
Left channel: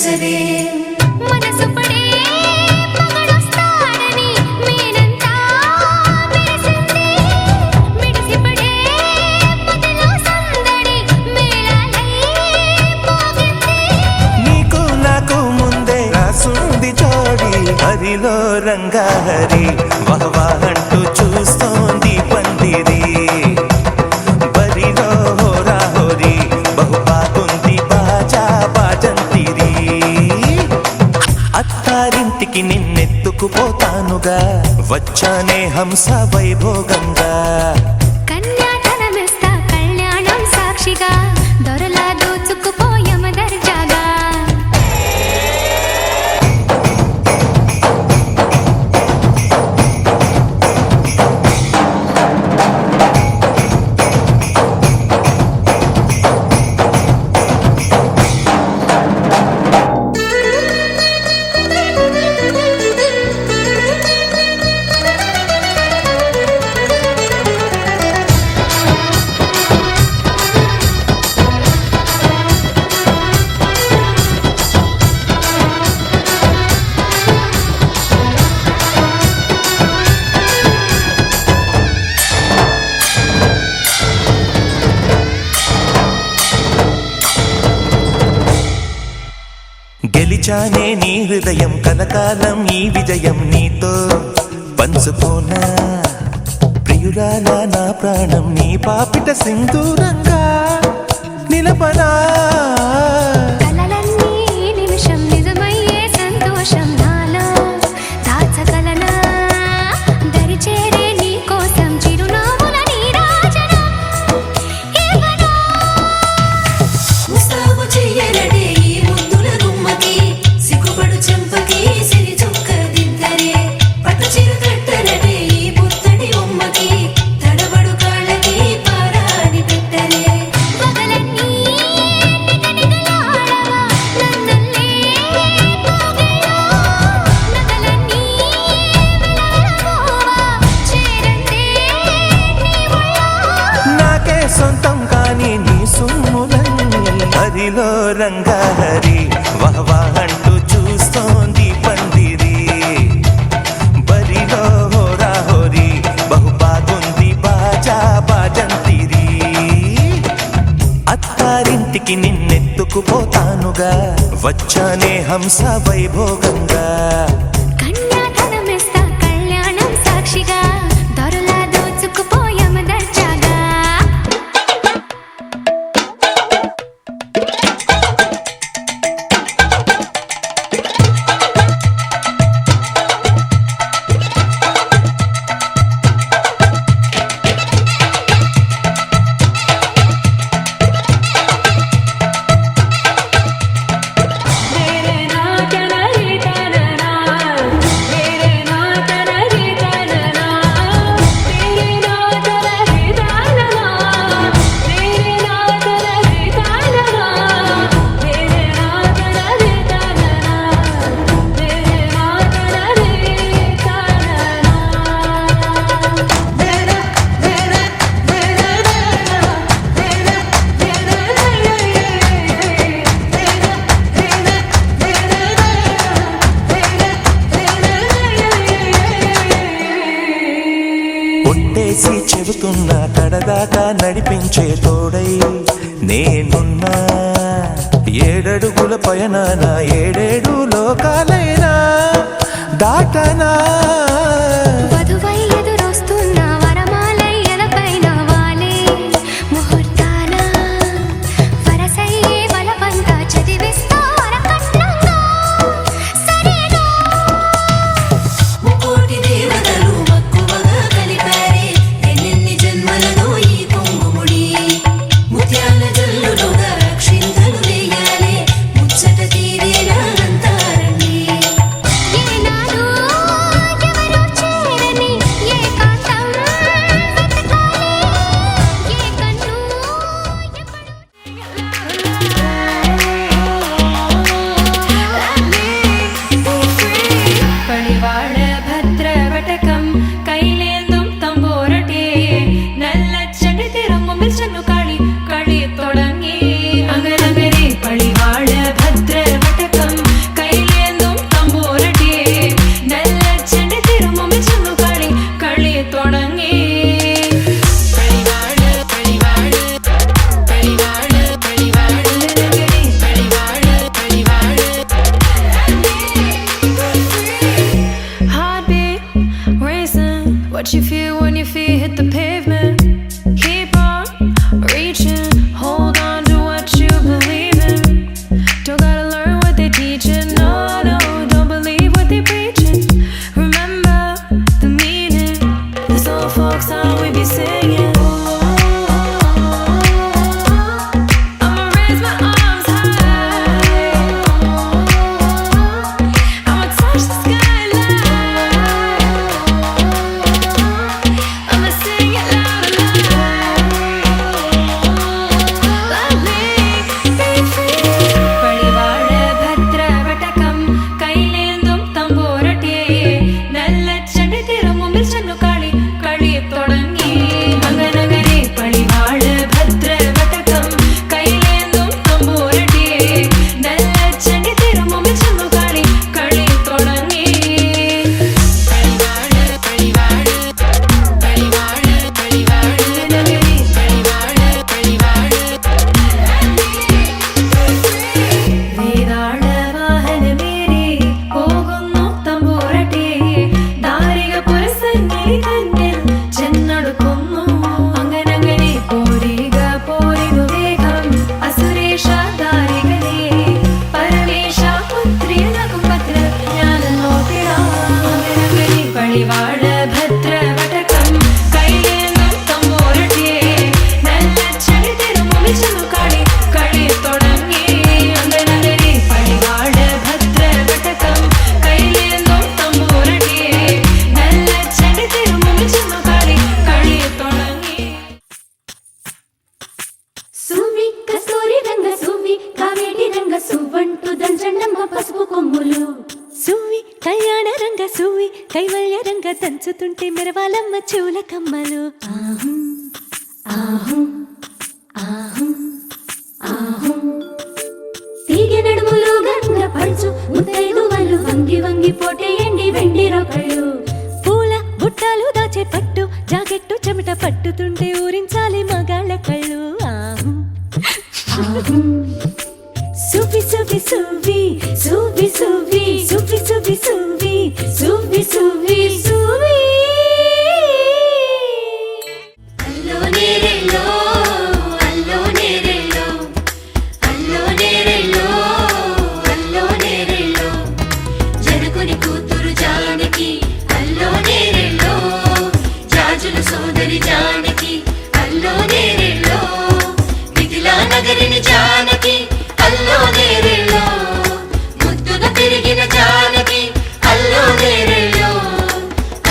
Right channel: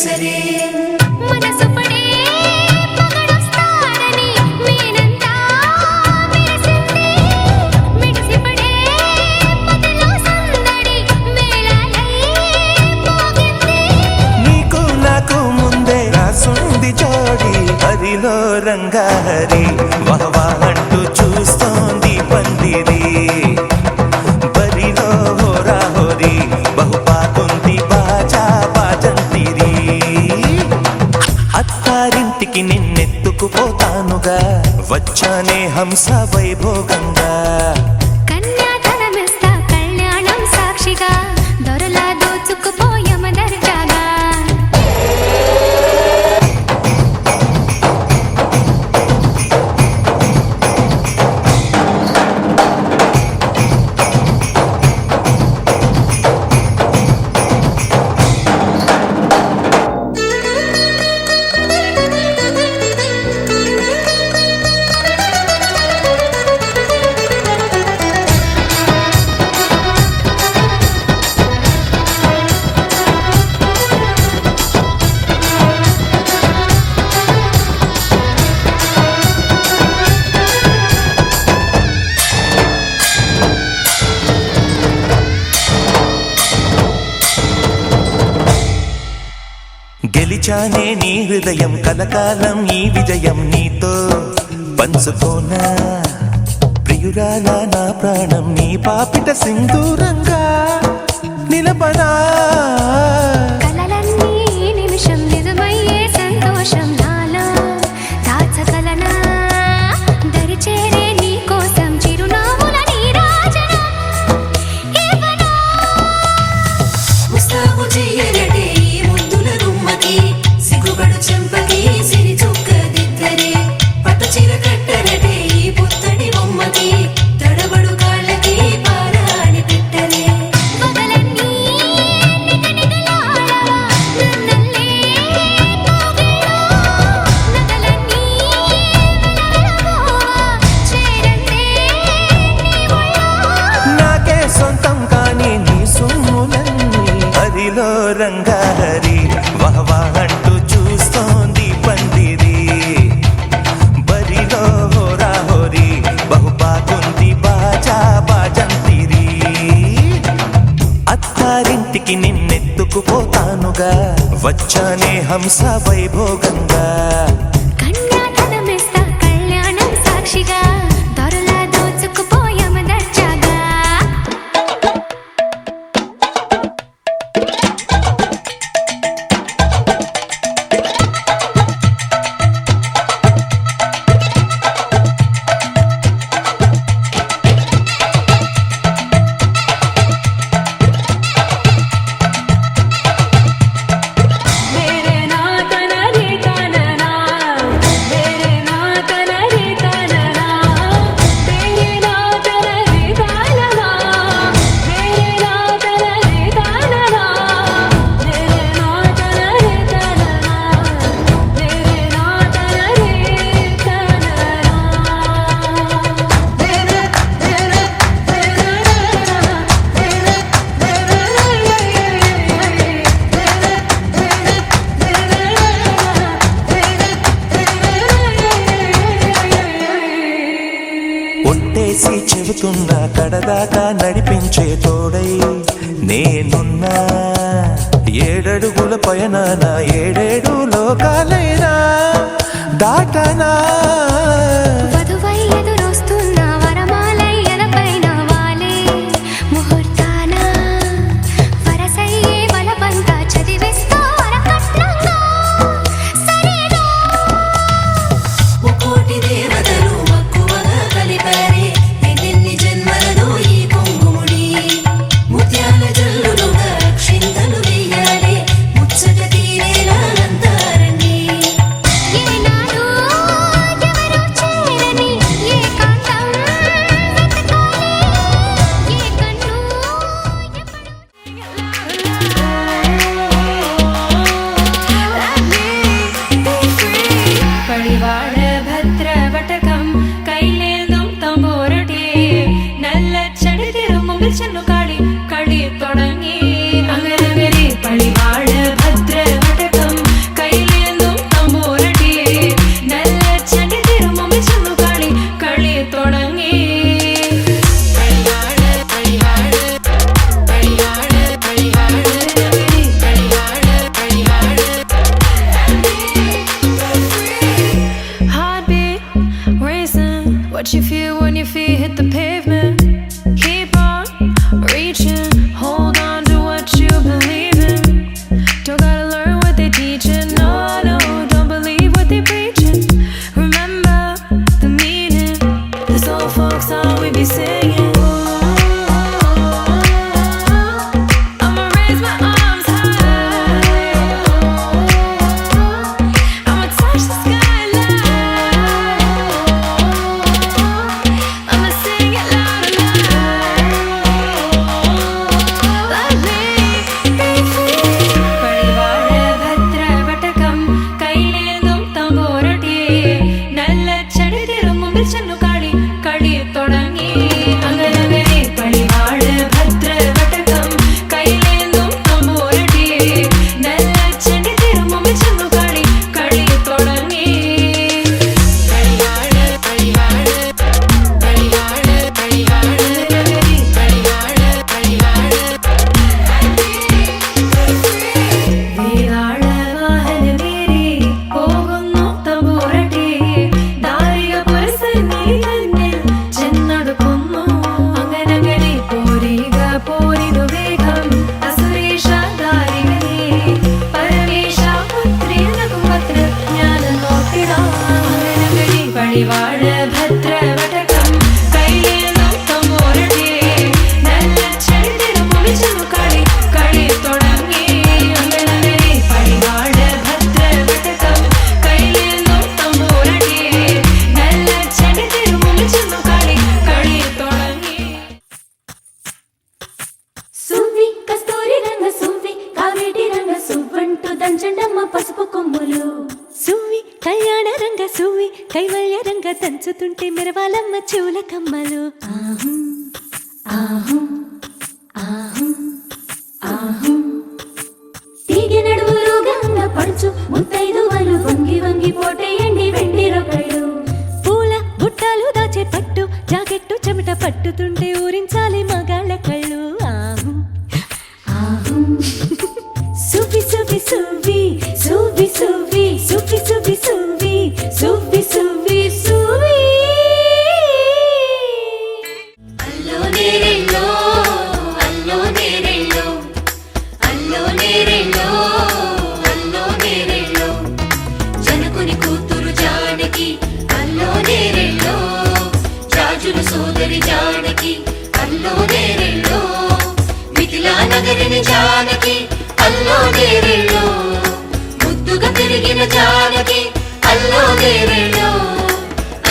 మనసు పడే మగడొస్తాడని మేనంతా మెరిసింది మిడిసిపడే మదిలో సందడి మేళాలై మోగింది నీకు నాకు ముందే రాసుంది జోడి హరిలో రంగాహరి వహవా అంటూ చూస్తోంది పందిరి బరిలో హోరా హోరి బహుబాగుంది బాజా బాజంతిరి అత్తారింటికి నిన్నెత్తుకుపోతానుగా వచ్చానే హంస వైభోగంగా కన్యాధనమిస్తా కళ్యాణం సాక్షిగా దొరలా దోచుకుపోయమ దర్జాగా గెలిచానే నీ హృదయం కలకాలం ఈ విజయం నీతో పంచుకోనా ప్రియురాలా నా ప్రాణం నీ పాపిట సింధూరంగా నిలపనా కలలన్నీ నిమిషం నిజమయ్యే సంతోషం నాలో దాచగలనా దరిచేరే నీ కోసం చిరునవ్వుల నీరాజనం ఇవ్వనా ముస్తాబు చెయ్యరటే ఈ ముద్దుల గుమ్మకి సిగ్గుపడు చెంపకి సిరి చుక్క దిద్దరే పట్టు చీర కట్టరటే ఈ పుత్తడి గుమ్మకి తడబడు కాళ్ళకి పారాడి పెట్టరే పగలన్నీ నిగనిగలాడవా నన్నల్లే కోగిలో నగలన్నీ వెలవెలబోవా చేరందే నీ ఒళ్ళో నాకే సొంతం కాని నీ సొమ్ములన్నీ హరిలో రంగాహరి వహవా అంటూ చూస్తోంది పందిరి బరిలో హోరా హోరి బహుబాగుంది బాజా బాజంతిరి అత్తారింటికి నిన్నెత్తుకుపోతానుగా వచ్చానే హంస వైభోగంగా కన్యాధనమిస్తా కళ్యాణం సాక్షిగా దొరలా దోచుకుపోయమ దర్జాగా ఒట్టేసి చెబుతున్నా కడదాకా నడిపించే తోడై నేనున్నా ఏడడుగుల పయనాన ఏడేడు లోకాలైనా దాటనా వధువై ఎదురొస్తున్న వరమాలై ఎదపైన వాలే ముహూర్తాన వరసయ్యే వలపంతా చదివిస్తా వరకట్నంగా సరేనా కోటి దేవతలు మక్కువగా కలిపారే ఎన్నెన్ని జన్మలలో ఈ పొంగుముడి ముత్యాల జల్లులుగా క్షింతలు వేయాలి ముచ్చట తీరేలా అంతారండి ఏనాడు ఎవరో చేరని ఏకాంతం what you feel when your feet hit the pavement. Keep on reaching, hold on to what you believe in. Don't gotta learn what they teaching, no, no, don't believe what they preaching. Remember the meaning, this old folk song we be singing. I'ma raise my arms high, I'ma touch the skyline, I'ma sing it loud and loud. Let me be free. പടിവാള ഭദ്രവടകം കൈലേന്തും തമ്പൂരട്ടിയെ നല്ല ചണ്ടി തിരുമുമ്പിൽ ചെന്നു കളി കളി തുടങ്ങി അങ്ങനങ്ങനെ പടിവാള ഭദ്രവടകം കൈലേന്തും തമ്പൂരട്ടിയെ നല്ല ചണ്ടി തിരുമുമ്പിൽ ചെന്നു കളി കളി തുടങ്ങി പടിവാള പടിവാള പടിവാള പടിവാള നഗരി പടിവാള പടിവാള വേതാള വാഹനമേറി പോകുന്നു തമ്പൂരട്ടി ദാരിക പുരസന്നിധി തന്നിൽ ചെന്നടുക്കുന്നു അങ്ങനങ്ങനെ പോരിക പോരിനു വേഗം അസുരേഷ ദാരികനെ പരമേശ പുത്രിയനകും പത്ര ജ്ഞാന നോക്കിടാം അങ്ങനങ്ങനെ പടിവാള ഭദ്രവടകം കൈലേന്തും തമ്പൂരട്ടിയെ നല്ല ചെടി തിരുമുമ്പിൽ ചെന്നു കളി കളി തുടങ്ങി അങ്ങനങ്ങനെ പടിവാള ഭദ്രവടകം കൈലേന്തും തമ്പൂരട്ടിയെ നല്ല ചെടി തിരുമുമ്പിൽ ചെന്നു കളി കളി തുടങ്ങി. సువ్వి కస్తూరి రంగ సువ్వి కావేటి రంగ సువ్వంటూ దంచండమ్మ పసుపు కొమ్ములు సువ్వి కళ్యాణ రంగ సువ్వి కైవల్య రంగ దంచుతుంటే మెరవాలమ్మ చెవుల కమ్మలు ఆహం ఆహం ఆహం ఆహం తీగె నడుములు గంగ పడుచు ముత్తైదువలు వంగి వంగి పోటేయండి వెండి రొకళ్ళు పూల బుట్టాలు దాచే పట్టు జాకెట్టు చెమట పట్టుతుంటే ఊరించాలి మగాళ్ళ కళ్ళు ఆహం ఆహం సువ్వి సువ్వి సువ్వి సువ్వి సువ్వి సువ్వి సువ్వి సువ్వి సువ్వి సువ్వి సువ్వి అల్లో నేరెల్లో అల్లో నేరెల్లో అల్లో నేరెల్లో అల్లో నేరెల్లో జనకుని కూతురు జానకి అల్లో నేరెల్లో జాజుల సోదరి జానకి అల్లో నేరెల్లో మిథిలా నగరిని జానకి అల్లో నేరెల్లో ముద్దుగా పెరిగిన జానకి అల్లో నేరెల్లో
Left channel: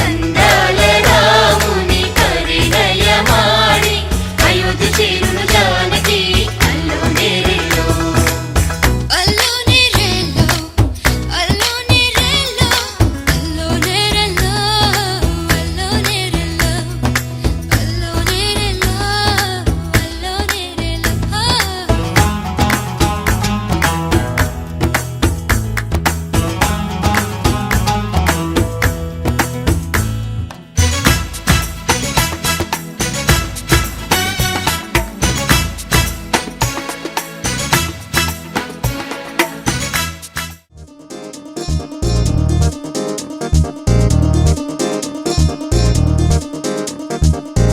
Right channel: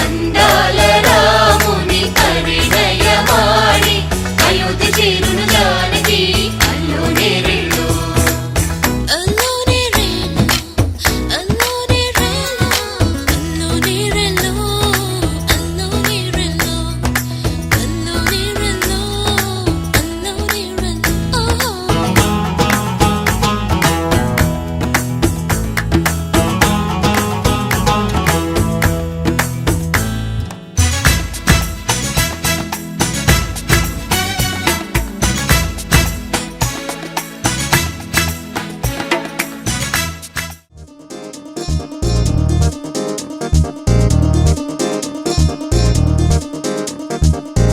అందాల రాముని పరిణయమాడి అయోధ్య చేరును జానకి అల్లో నేరెల్లో అల్లో నేరెల్లో అల్లో నేరెల్లో అల్లో నేరెల్లో అల్లో నేరెల్లో అల్లో నేరెల్లో అల్లో నేరెల్లో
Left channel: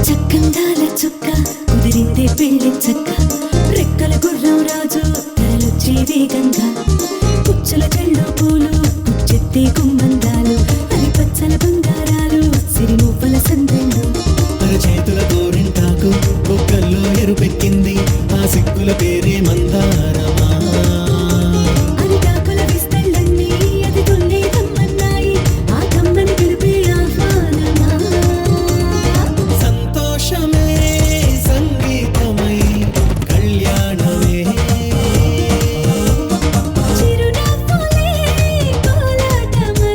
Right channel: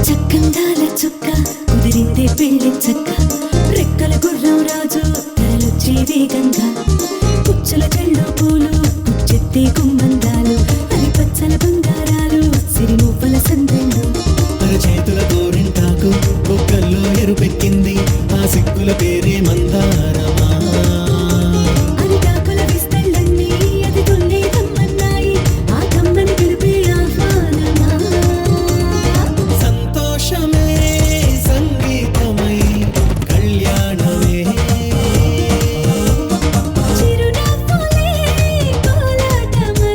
చక్కందాల చుక్క కుదిరిందే పెళ్లి చక్క రెక్కల గుర్రం రాజు తరలొచ్చే వేగంగా పుచ్చుల కళ్ళు పూలు పుచ్చెత్తే గుమ్మందాలు అవి పచ్చల బంగారాలు సిరిమువ్వల సందెళ్ళు చేతుల గోరింటాకు బొక్కల్లో ఎరుపెక్కింది ఆ సిగ్గుల పేరే మందారమా అరిటాకుల విస్తళ్ళన్నీ అది తొందే కమ్మన్నాయి ఆ కమ్మని పిలిపే ఆహ్వానమా సంతోషమే సంగీతమై కళ్యాణమే చిరునవ్వులే కోలాటమై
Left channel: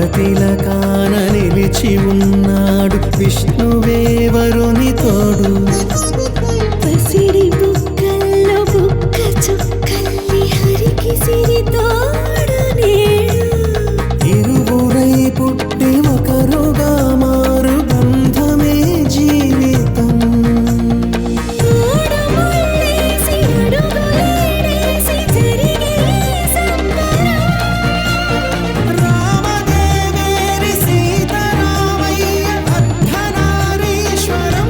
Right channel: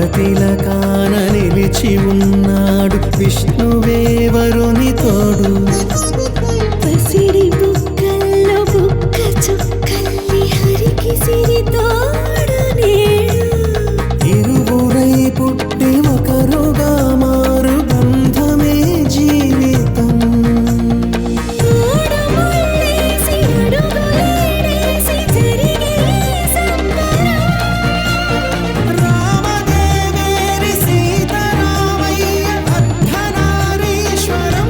కరతిలకాన నిలిచి ఉన్నాడు విష్ణువే వరుని తోడు. పసిడి బుక్కల్లో బుక్క చుక్కల్లి హరికి సిరి తోడు నేడు. ఇరువురై పుట్టి ఒకరుగా మారు బంధమే జీవితం. మూడు ముళ్ళేసి అడుగులేసి జరిగే సంబరం. రామదేవేరి సీతారామయ్య అర్ధనారీశ్వరం.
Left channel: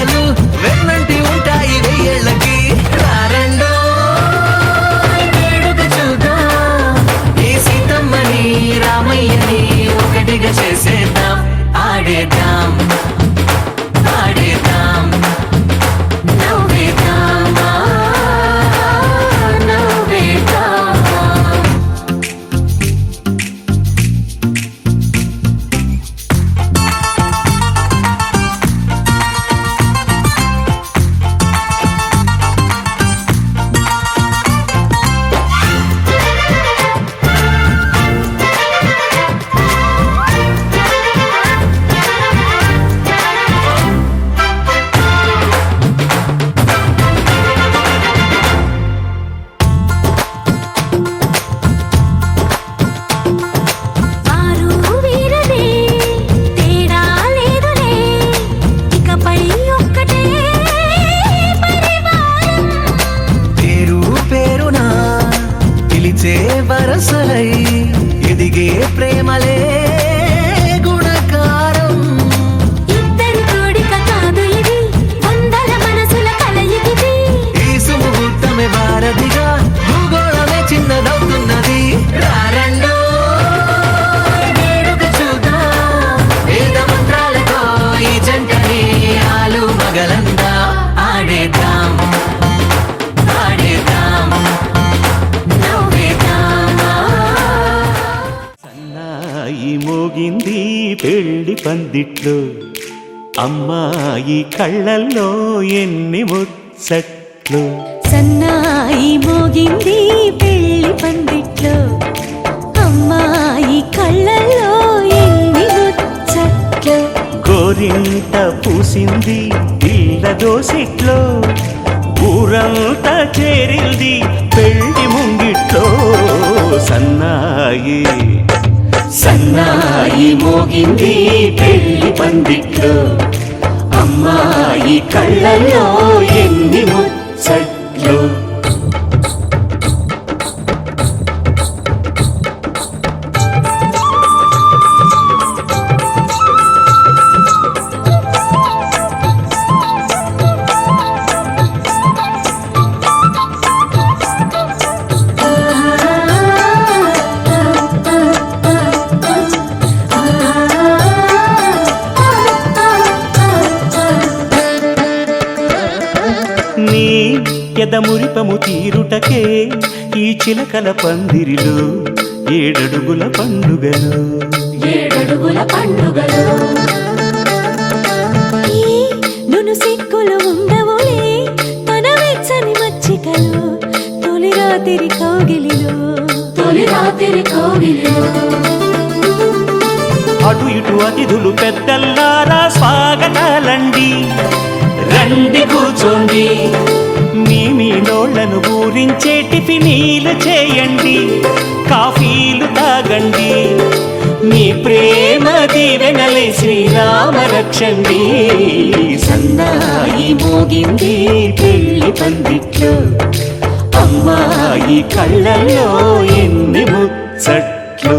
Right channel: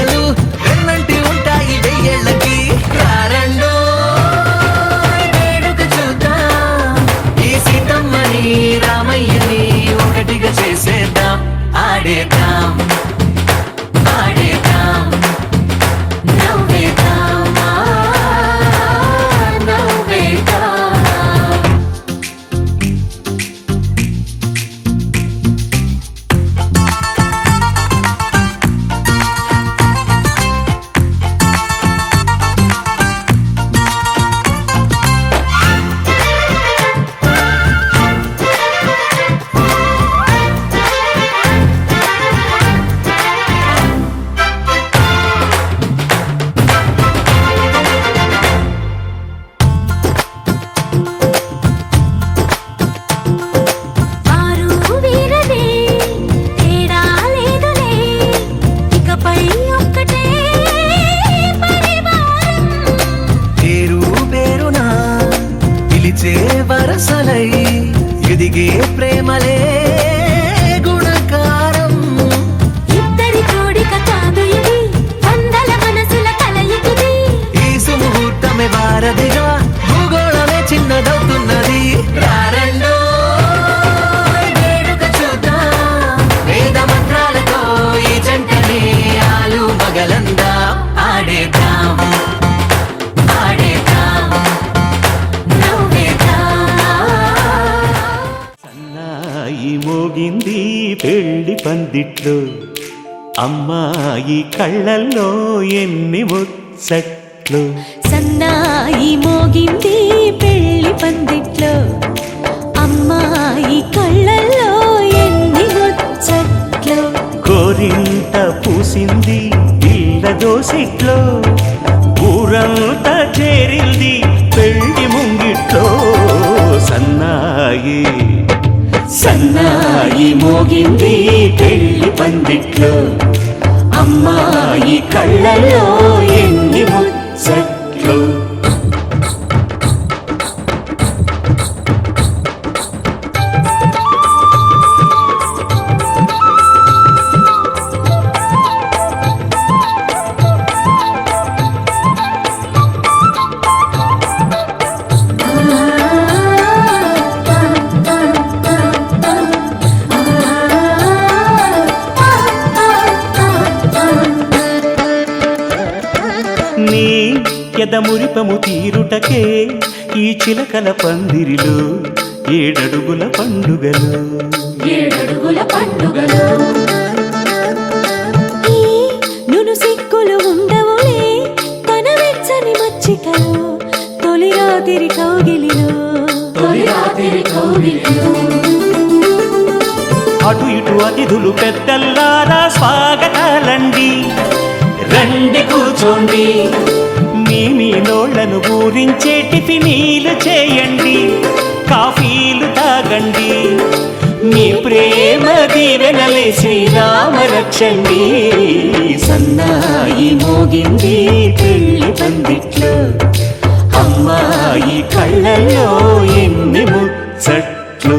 వేడుకలు వెన్నంటి ఉంటాయి వెయ్యేళ్ళకి రారండో వేడుక చూద్దాం ఈ సీతమ్మని రామయ్యని ఒకటిగా చేసేద్దాం ఆడేద్దాం ఆడేద్దాం నవ్వేద్దాం నవ్వేద్దాం వారు వీరనే తేడా లేదులే ఇకపై ఒక్కటే పరివారం పేరు పేరునా పిలిచే వరసలై ఎదిగే ప్రేమలే గుణకారం ఇద్దరి కోడిక కాదు ఇది వందల మనసుల కలయికిది ఈ సుముహూర్తమే వారధిగా భూగోళమే చిన్నదవుతున్నది రారండో వేడుక చూద్దాం వేద మంత్రాలతో ఈ జంటని ఆలు మగలందా ఆడేద్దాం ఆడేద్దాం సన్నాయి మోగింది పెళ్లి పందిట్లో అమ్మాయి కళ్ళల్లో ఎన్ని ముచ్చట్లు సన్నాయి మోగింది పెళ్లి పందిట్లో అమ్మాయి కళ్ళల్లో ఎన్ని ముచ్చట్లు గోరింట పూసింది ఇళ్ళ దోసిట్లో ఊరంతా చేరింది పెళ్లి ముంగిట్లో సన్నాయి సన్నాయి మోగింది పెళ్లి పందిట్లో అమ్మాయి కళ్ళల్లో ఎన్ని ముచ్చట్లు నీ ఎదమురిపము తీరుటకే ఈ చిలకల పందిరిలో ఏడడుగుల పండుగలు ఏడడుగుల పండుగలు ఈ నును సిక్కులు ఉండవులే తన వెచ్చని మచ్చికలు తొలి రాత్రి కోగిలిలో అటు ఇటు అతిథులు పెద్దల్లారా స్వాగతాలండి రండి కూర్చోండి మీ నోళ్లను ఊరించే టిఫినీలు చేయండి కాఫీలు తాగండి మీ ప్రేమ దీవెనలే శ్రీరామ రక్షండి సన్నాయి మోగింది పెళ్లి పందిట్లో అమ్మాయి కళ్ళల్లో ఎన్ని ముచ్చట్లు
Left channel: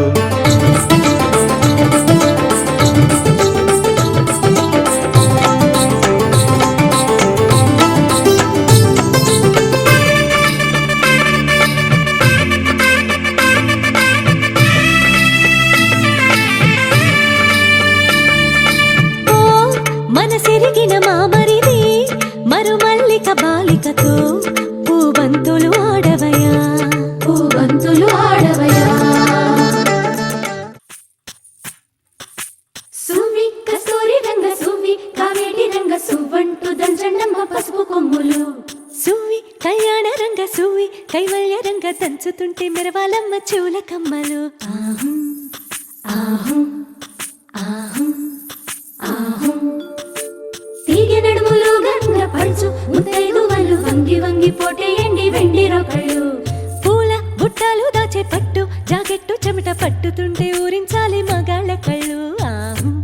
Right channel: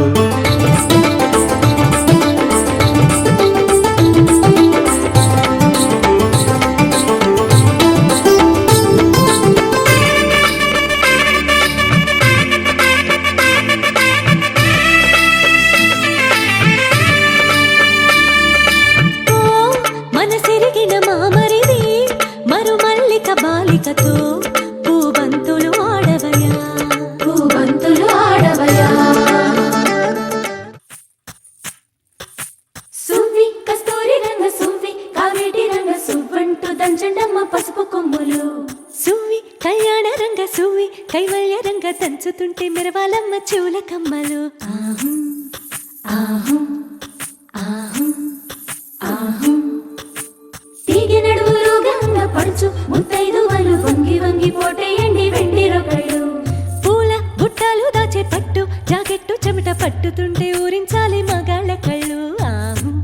మనసిరిగిన మామరిది మరు మల్లిక బాలికతో పూబంతులు ఆడవయా సువ్వి కస్తూరి రంగ సువ్వి కావేటి రంగ సువ్వంటూ దంచండమ్మ పసుపు కొమ్ములు సువ్వి కళ్యాణ రంగ సువ్వి కైవల్య రంగ దంచుతుంటే మెరవాలమ్మ చెవుల కమ్మలు ఆహం ఆహం ఆహం ఆహం తీగె నడుములు గంగ పడుచు ముత్తైదువలు వంగి వంగి పోటేయండి వెండి రొకళ్ళు పూల బుట్టాలు దాచే పట్టు జాకెట్టు చెమట పట్టుతుంటే ఊరించాలి మగాళ్ళ కళ్ళు ఆహం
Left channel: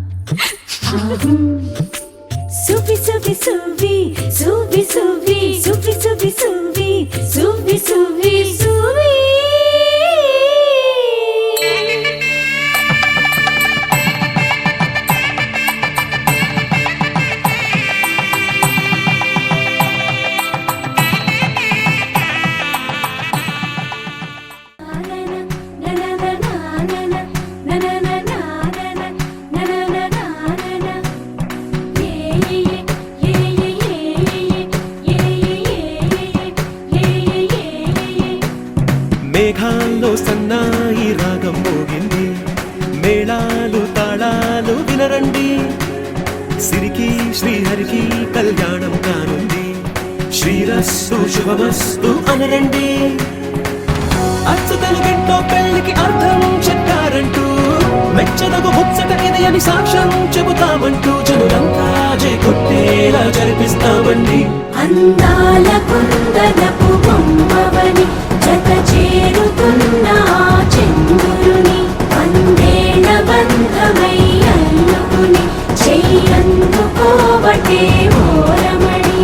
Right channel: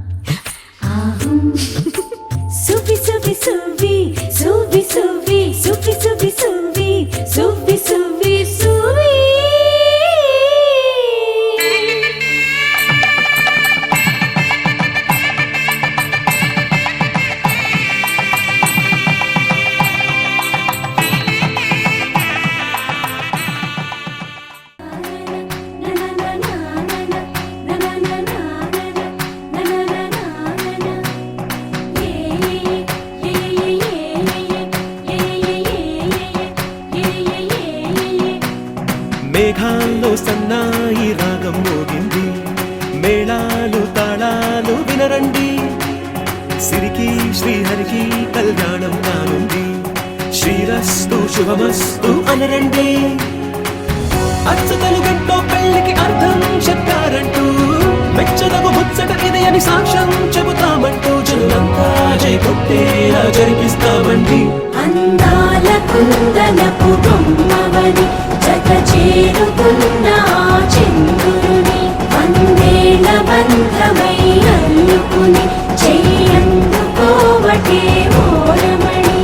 ఆహం సువ్వి సువ్వి సువ్వి సువ్వి సువ్వి సువ్వి సువ్వి సువ్వి సువ్వి సువ్వి సువ్వి మేఘాల్లో సన్నాయి రాగం మోగింది, మేళాలు తాళాలు వినరండి, సిరికి శ్రీహరికి కళ్యాణం కానుంది, శ్రీరస్తు శుభమస్తు అనరండి. అచ్చతలు గంటో పెళ్లికి అర్థం చెప్పారంటూ, మెచ్చదగు ముచ్చట ఇది అని సాక్ష్యం చెబుతామంటూ, జనులంతా జై కొట్టేలా జరిపిస్తామండి. అందాల కుందనపు బొమ్మవని జత చేరుతున్న ఆ చంద్రుని, వందేళ్ల బంధమై అల్లుకుని చెయ్యందుకోవటే ఓరమణి.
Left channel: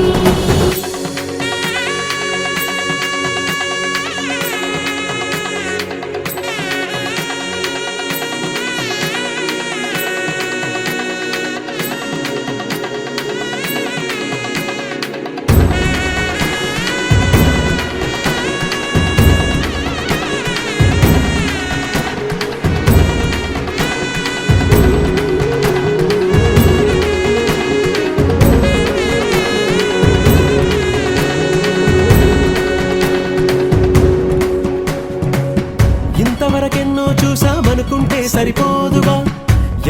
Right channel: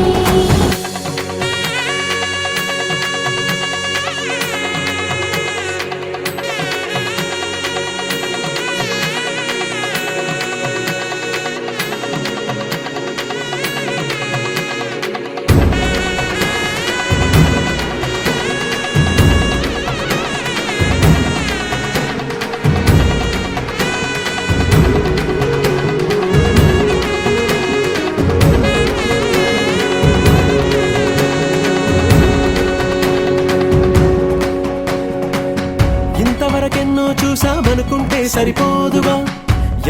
ఇంతవరకెన్నో చూసామనుకుంటే సరిపోదుగా,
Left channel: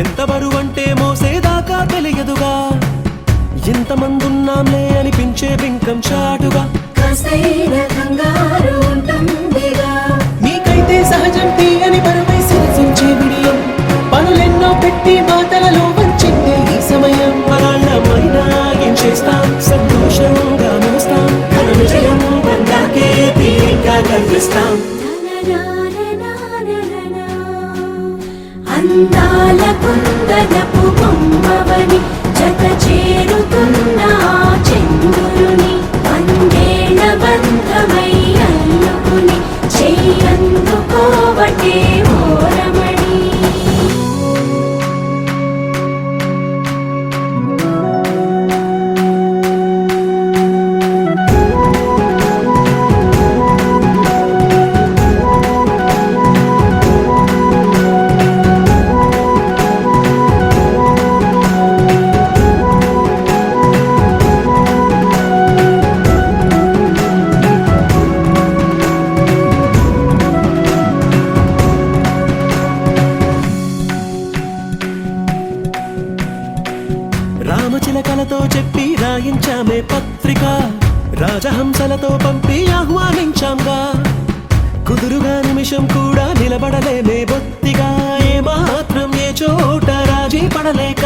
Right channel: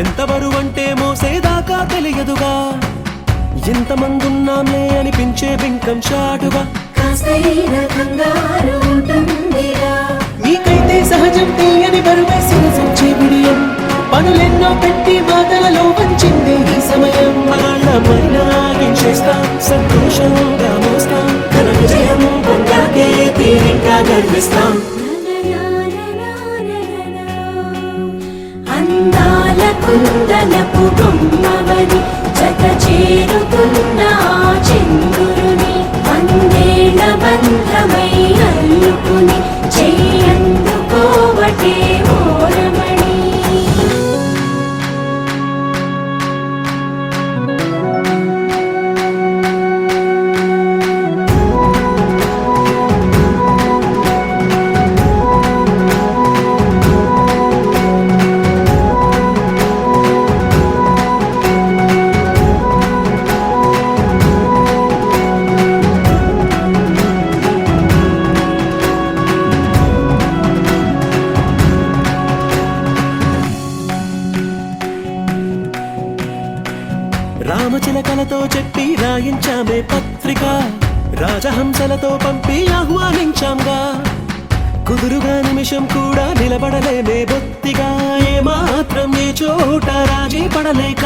ఎంత బరువంటే మోసేదాకా తెలియదుగా, ఇంతమందున్నాంలే అనిపించే బింకం చాటుగా, కాస్తైన కంగారు ఉంటుందిగా. మీకైతే సహజం తీయని బరువై సిరిసించే బిడియం, పనులెన్నో పెట్టి మాటలలో వంచిందే ఈ సమయం. వాళ్ళమైనా గించేస్తాం, సంతోషంగా మోస్తాం, ఘన విజయం పొందాకే తీరిగ్గా కనిపిస్తాం. అందాల కుందనపు బొమ్మవని జత చేరుతున్న ఆ చంద్రుని, వందేళ్ల బంధమై అల్లుకుని చెయ్యందుకోవటే ఓరమణి. రామచిలకలతో చెప్పి రాయించామే పత్రిక, రాజహంసలతో పంపి ఆహ్వానించాంగా, కుదురుగా నిమిషం కూడా నిలబడలేమే బొత్తిగా, ఏ మాత్రం ఏ చోట రాజీ పడలేక,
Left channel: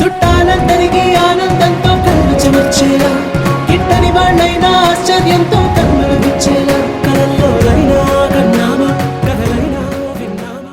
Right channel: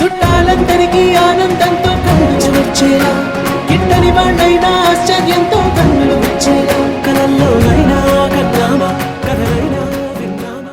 చుట్టాలందరికీ ఆనందంతో కళ్ళు చెమర్చేలా, గిట్టని వాళ్ళైనా ఆశ్చర్యంతో కన్నులు వచ్చేలా, కలల్లోనైనా కన్నామా కథలైనా విన్నామా.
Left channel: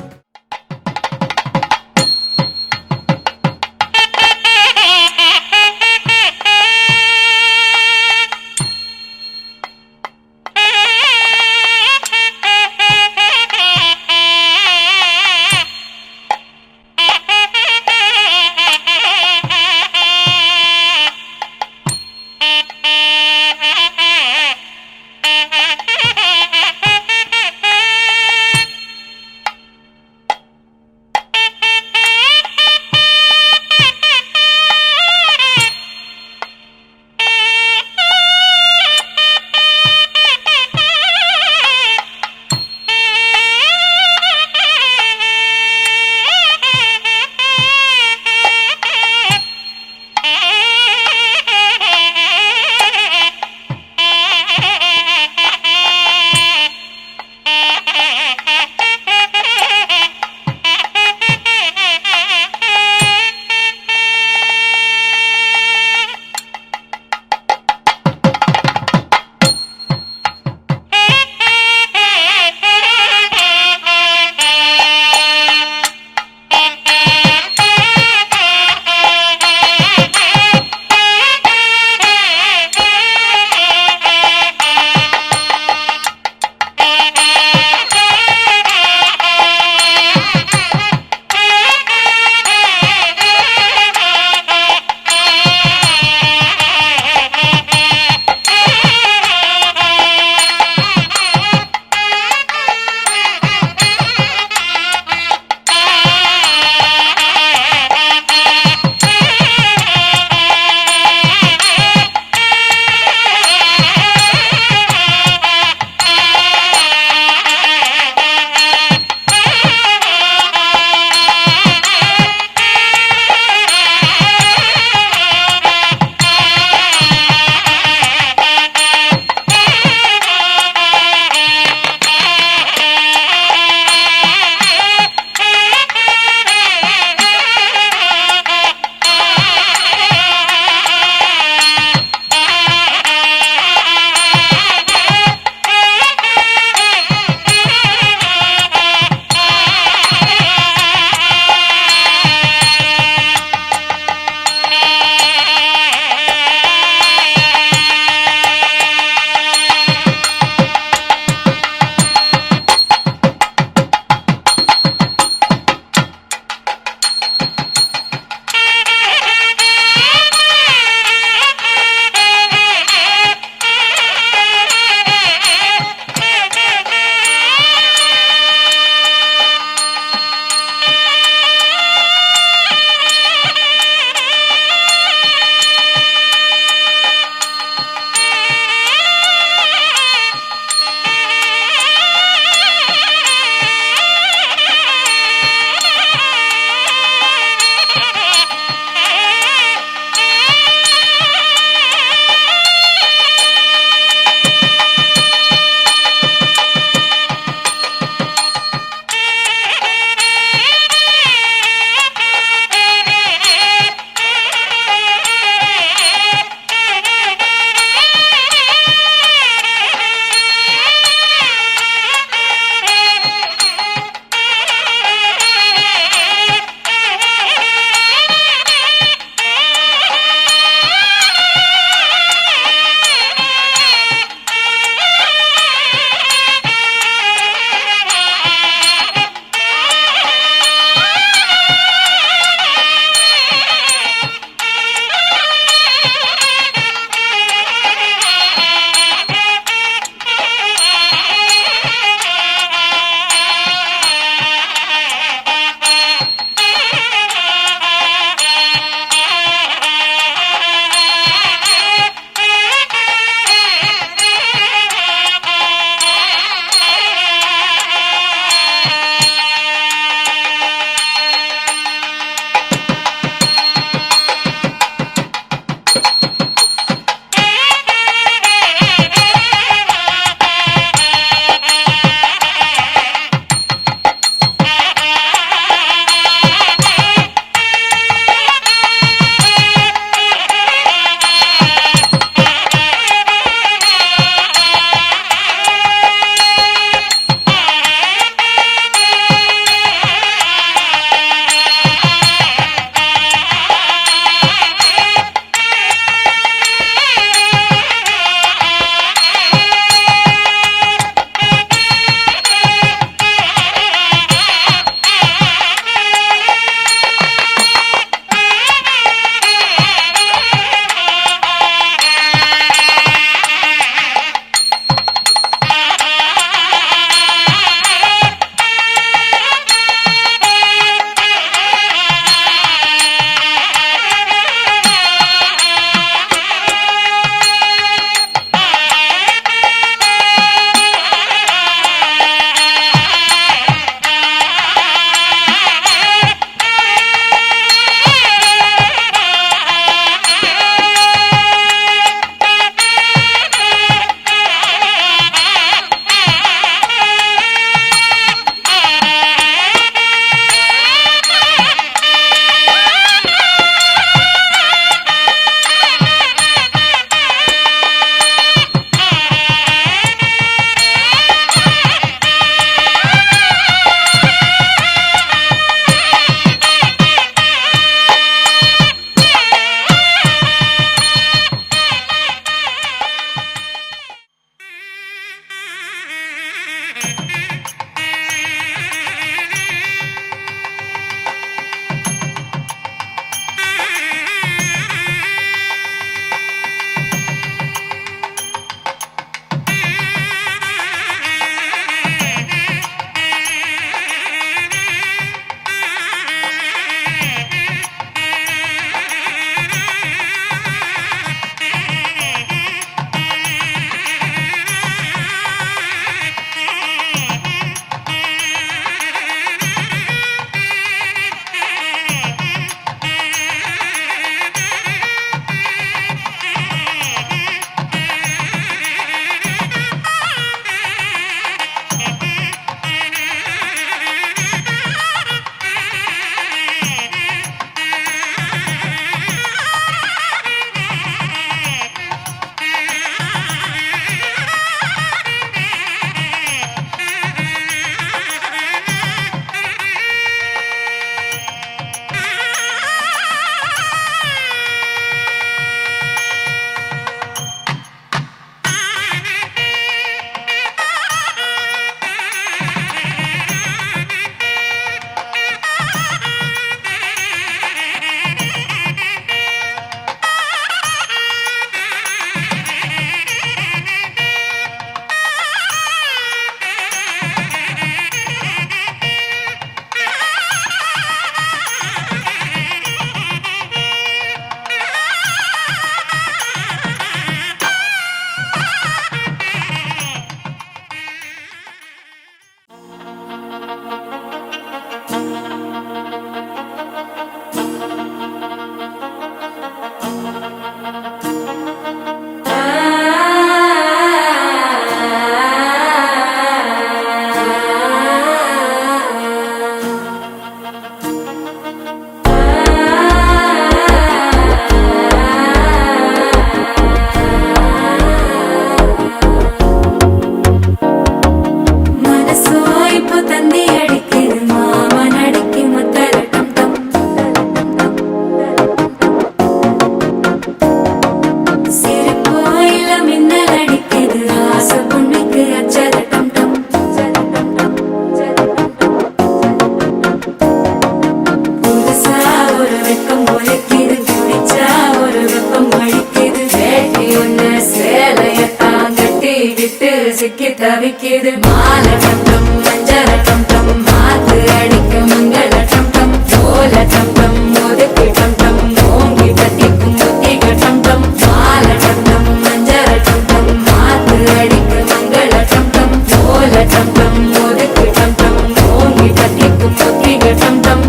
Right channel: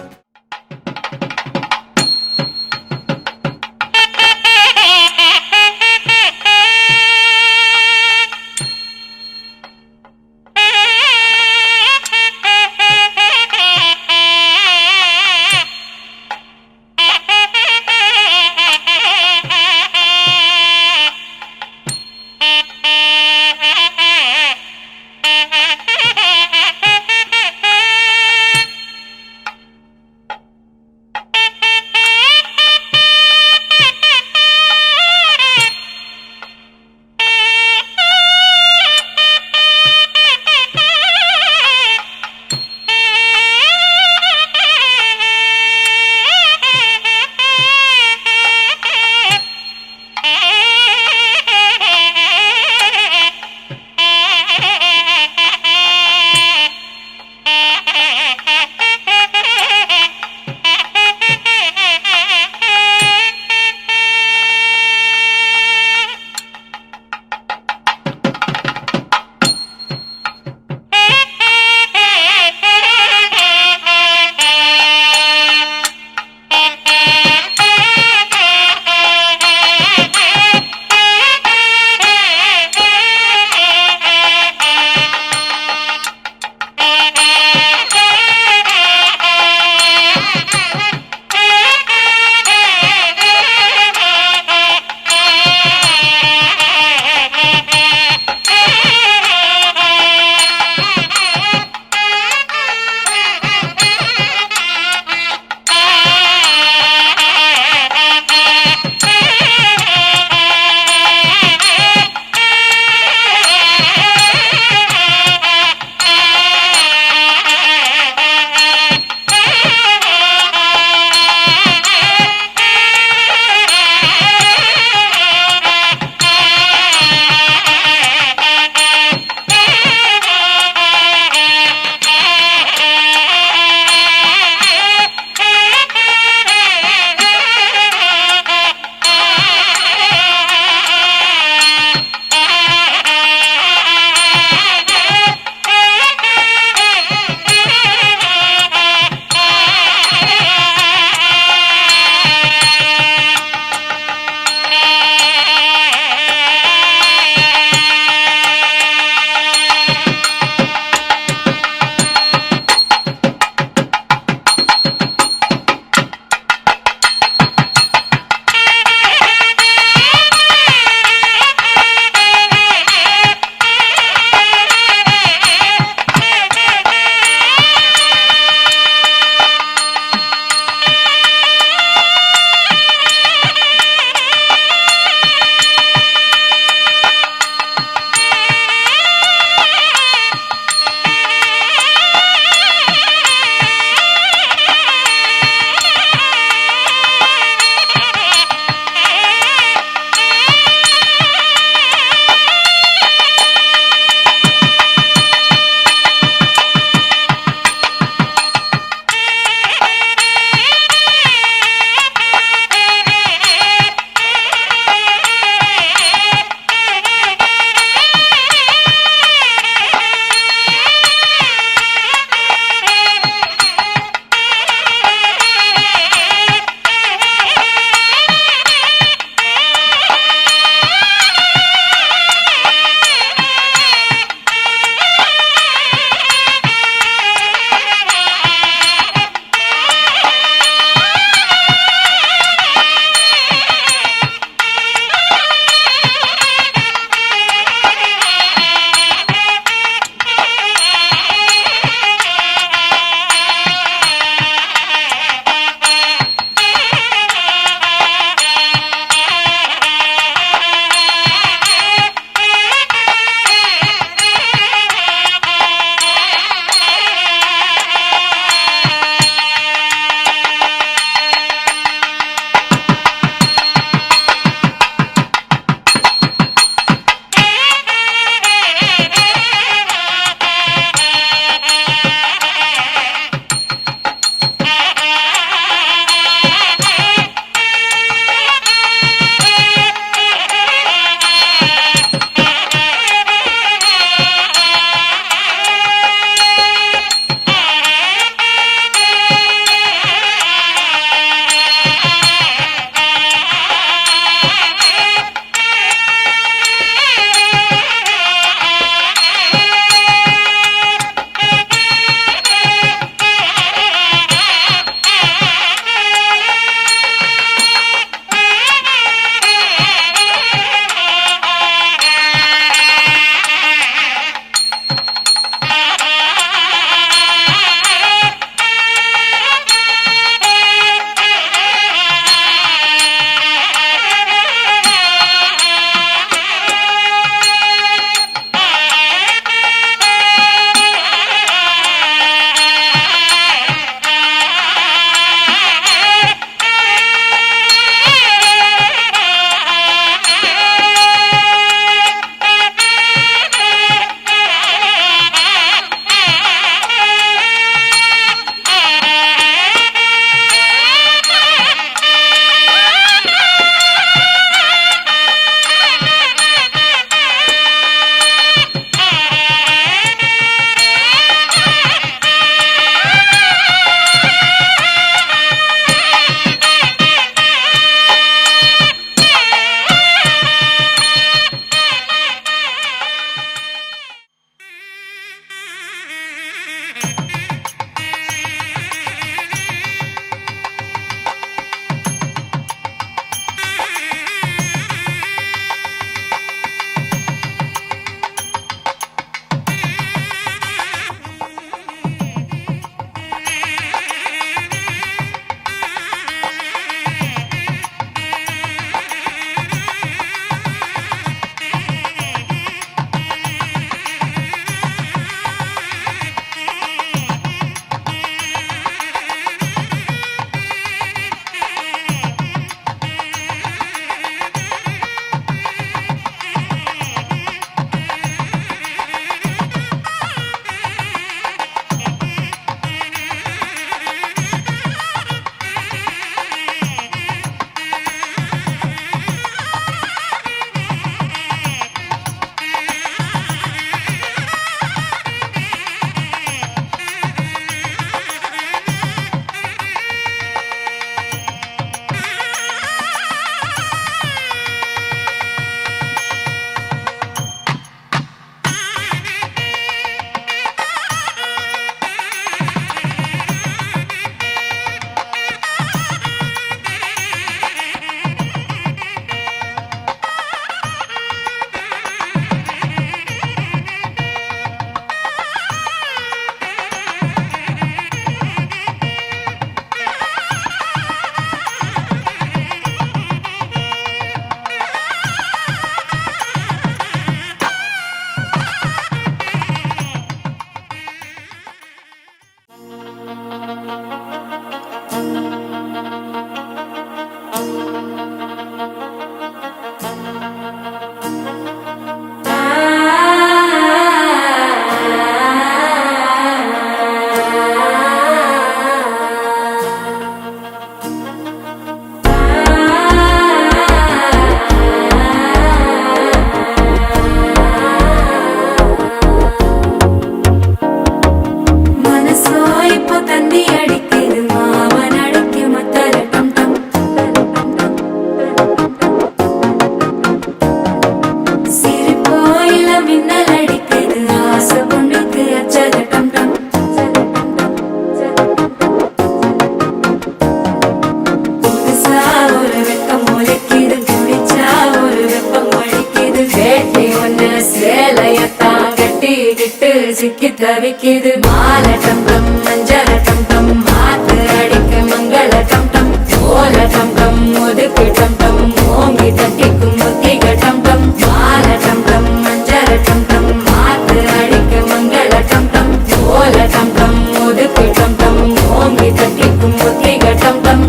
சிக்கி தவிக்குது மால டம் டம் மஞ்சள டம் டம் மாத்து அடிக்க மங்கள டம் டம் ஓல டம் டம் ஒதுக்கு டம் டம் ஓங்கி தட்டிக்கும் புத்திக டம் டம் மால டம் டம் மஞ்சள டம் டம் மாத்து அடிக்க மங்கள டம் டம் ஓல டம் டம் ஒதுக்கு டம் டம் ஓங்கி தட்டிக்கும் புத்திக டம் டம்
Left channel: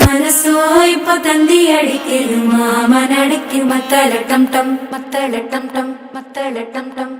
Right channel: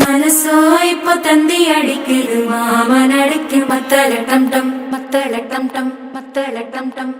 மனசோ இப்ப தந்தி அடிக்குது மாமன் அடிக்கு மத்தள டம் டம் மத்தள டம் டம் மத்தள டம் டம்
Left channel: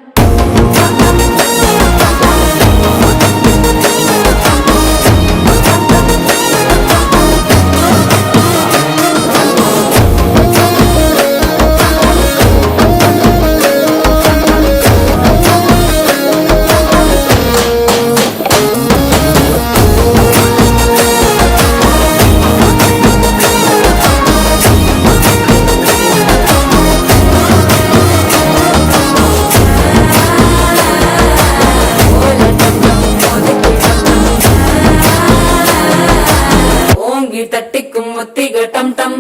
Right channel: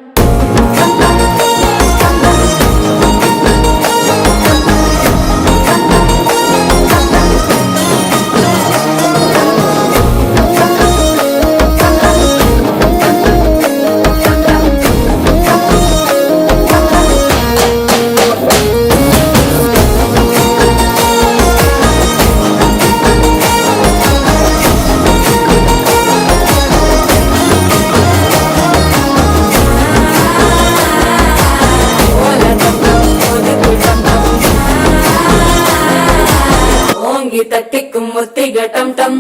ஓங்கி தட்டிக்கும் ஒத்திக டம் டம்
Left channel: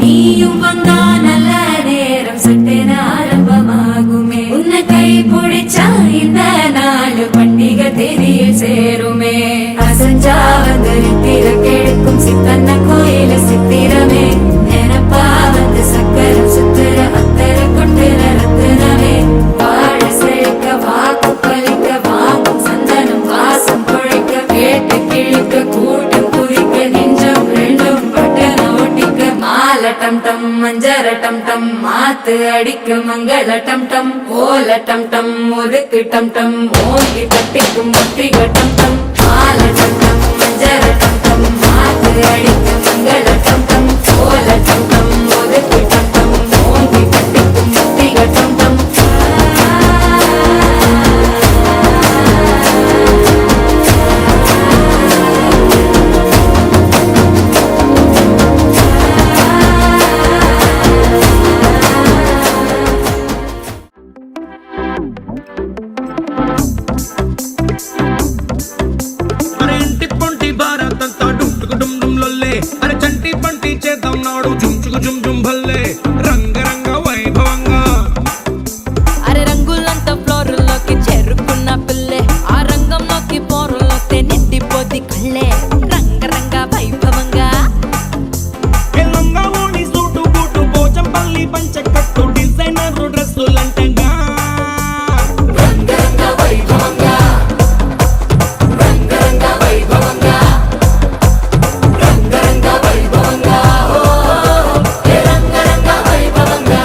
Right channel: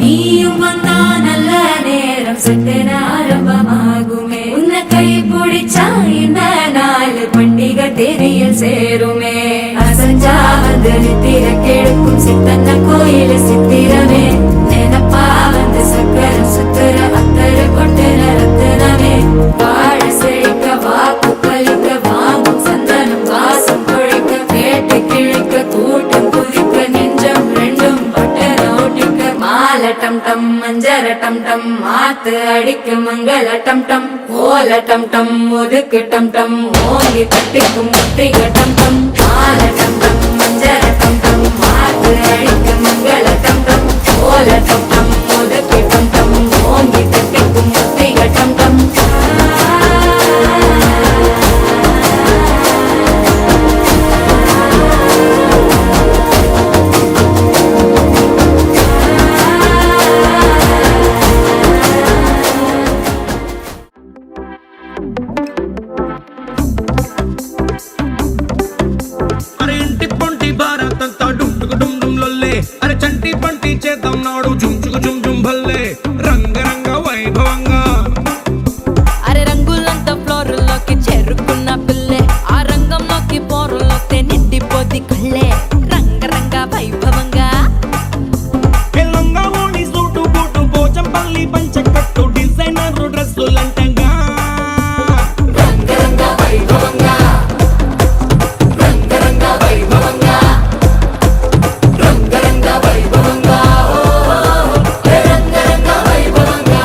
நீயும் வந்தா நல்ல நேரம் சட்டென ஆரம்பமாகுமே உன்னை கை பிடிச்சா இந்த நாள் பண்டிகை தெரிய சேருமே அசஞ்சா வந்து நித்திர கெடுக்கும் சித்தன்ன கோயில சித்திரமே நினப்பா வந்து சக்கர சுத்துற அத்தர கொண்டு நடத்துனவே வாழ செழிக்க வாக்கு பலிக்க வாங்கும் சந்தனம் வாசம் குழைக்க கேட்டு கிழிக்க கூட்டம் குதிக்க நெஞ்சம் ரெண்டும் பட்டன ஒட்டிக்க மால டம் டம் மஞ்சர டம் டம் மாத்து அடிக்க மங்கள டம் டம் ஓல டம் டம் ஒதுக்கு டம் டம் ஓங்கி தட்டிக்கும் ஒத்திக டம் டம் மால டம் டம் மஞ்சர டம் டம் மாத்து அடிக்க மங்கள டம் டம் ஓல டம் டம் ஒதுக்கு டம் டம் ஓங்கி தட்டிக்கும் ஒத்திக டம் டம் అరే ఇంటి పొంటి భారతంతా డుంటుకు డుమ్ డుమ్ లొల్లే అరే చంటి పంటి చేద్దాం నాడు చుంచుకు జుమ్ జుమ్ భల్లే రంగరంగ వైభవంగా అరే రంగులంతా ఫ్లోర్లోకి చేరుకున్న పిల్లే ఆ రంగంలోకి పోరులోతే నిండిపోది కళ్ళే రంగరంగ వైభవంగా ఎల్లంగా ఓణి సూటు బూటు పోచంపల్లి పంచకట్టు డిజైనర్ డ్రెస్సులంటంగా రంగరంగ వైభవంగా రంగరంగ వైభవంగా రంగరంగ వైభవంగా రంగరంగ వైభవంగా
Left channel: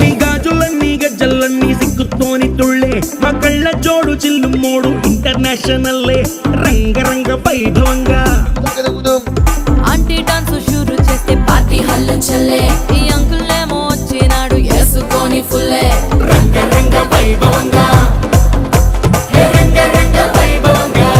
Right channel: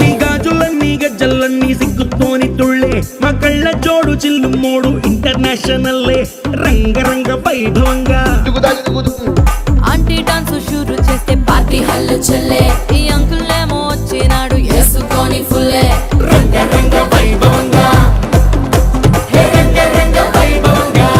నీ గాజులన్నీ గజ్జలన్నీ సిగ్గుతోని తుళ్ళే మా కళ్ళ జోడు చిల్లు మోడు ఇంటర్నేషనల్లే రంగరంగ వైభవంగా ఆంటీ డాన్స్ షూరు చేస్తే పార్టీ హల్లు చల్లే ఈ అంకుల్లేమో వచ్చినాడు వేసుకొని ఫుల్లే రంగరంగ వైభవంగా హే రంగరంగ వైభవంగా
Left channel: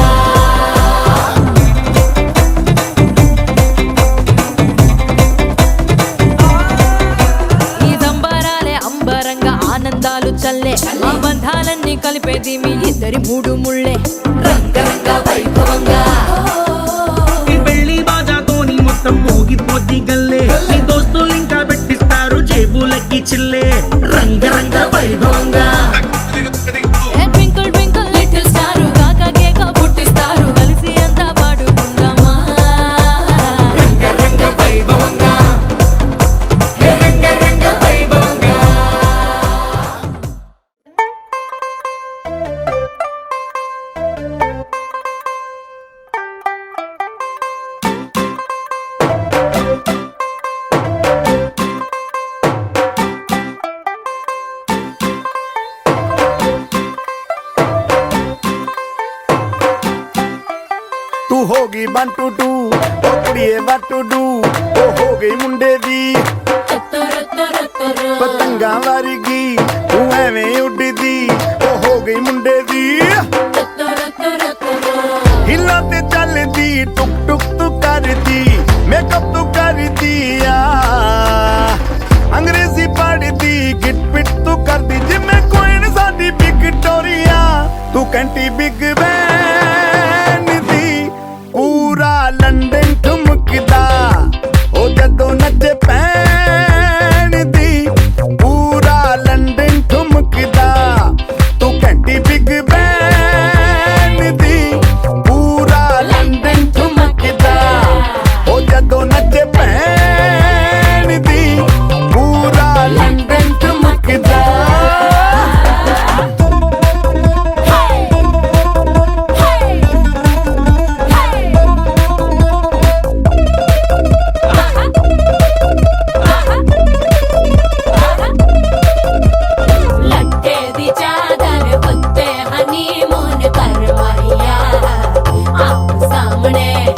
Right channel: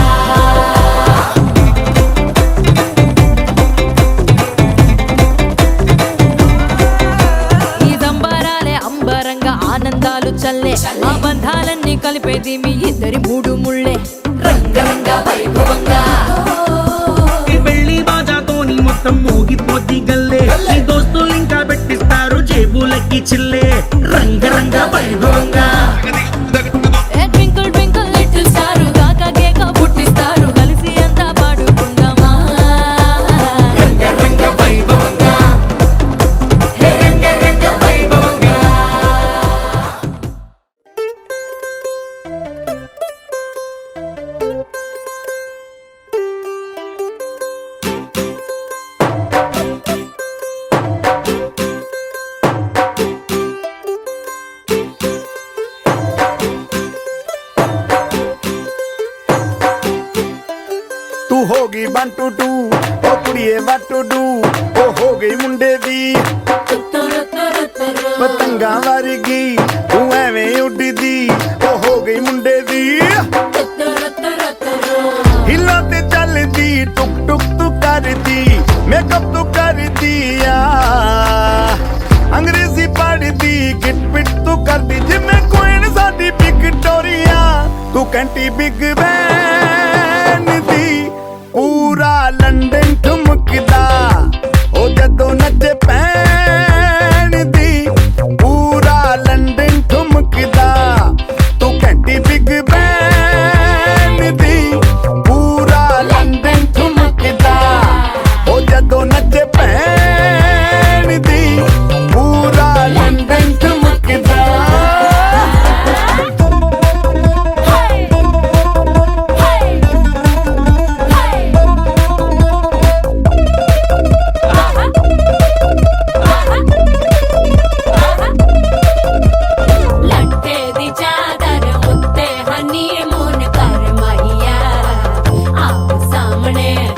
ఈ సంబరాలే అంబరంగా ఆనందాలు చల్లే మా బంధాలన్నీ కలిపేది మీ ఇద్దరి మూడు ముళ్ళే రంగరంగ వైభవంగా ఈ పెళ్లి బాజాతోని మొత్తం మోగిపోద్ది గల్లే నీ దోస్తులు ఇంకా పెట్టిస్తారు జేబులకి చిల్లే రంగరంగ వైభవంగా ట్వింకిల్ ట్వింకిల్ లిటిల్ స్టార్ కాక కేక పుట్టిస్తారు కలిసి అంతా పాడుకుందామా రంగరంగ వైభవంగా హే రంగరంగ వైభవంగా ਤੂੰ ਹੋ ਗਈ 1 2 2 ਉਹ ਕੁੜੀਏ what to do ਉਹ ਹੋ ਗਈ ਮੁੰਡੇ ਦੀ ਪਤੰਗਾਂ ਵਰਗੀ ਤੂੰ ਐਵੇਂ ਉੱਡਦੀ ਉਹ ਹੋ ਗਈ ਮੁੰਡੇ ਦੀ ਹਿੱਲਾਂ ਤੇ ਚੱਲਦੀ ਟੁਕ ਟੁਕ ਤੂੰ ਕਰਦੀ ਮੇਕਅਪ ਤੂੰ ਕਰਦੀ ਆ ਅੰਗਰੇਜ਼ੀ ਪੜ੍ਹਦੀ ਗਿਟ ਪਿਟ ਤੂੰ ਕਰਦੀ ਜਿਵੇਂ ਕੁਈਨ ਸਾਡੀ ਵਿਕਟੋਰੀਆ ਤੂੰ ਕੰਟੀ ਬਿਗ ਬੈਨ ਦੀ ਪੂਰਾ ਲੰਡਨ ਠੁਮਕਦਾ ਉਹ ਜਦੋਂ ਨੱਚੇ ਪੈਣ ਦੀ ਪੂਰਾ ਲੰਡਨ ਠੁਮਕਦਾ ਤੂੰ ਕੰਟੀ ਬਿਗ ਬੈਨ ਦੀ ਪੂਰਾ ਲੰਡਨ ਠੁਮਕਦਾ ਉਹ ਜਦੋਂ ਨੱਚੇ ਪੈਣ ਦੀ ਪੂਰਾ ਲੰਡਨ ਠੁਮਕਦਾ ਲੱਟੇ ਦੀ ਚਾਦਰ ਉੱਤੇ ਹਨੀਮੂਨ ਕਰ ਮਾਹੀਆ ਆਪ ਸਾਹਮਣੇ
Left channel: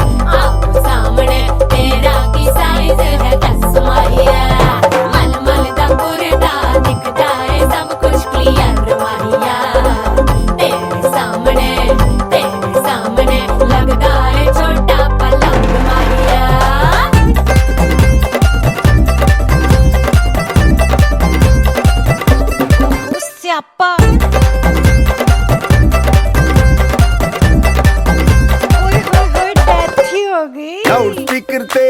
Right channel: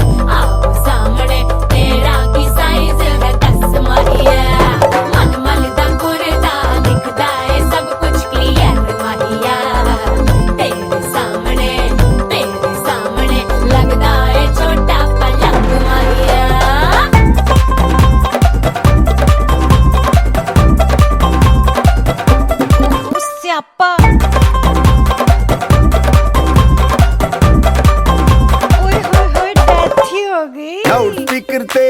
ਤੇਰਾ ਕੀ ਸਾਈਜ਼ ਹੈ ਦੱਸ ਮਾਹੀਆ ਮਨ ਦਾ ਗੁਰਦਾ ਦਿਖਦਾ ਹੈ ਸਭ ਕੁਝ ਕਲੀਅਰ ਮਾਹੀਆ ਤੇਰੇ ਸਾਹਮਣੇ ਲੱਗਦਾ ਹੈ ਛੋਟਾ ਪਲਕ ਮਾਹੀਆ ਸਿਆਪਾ ਓਏ ਹੋਏ ਡੈਥ ਹੀ ਹੋ ਗਈ ਲਾਊਡ ਸਪੀਕਰ ਤੇ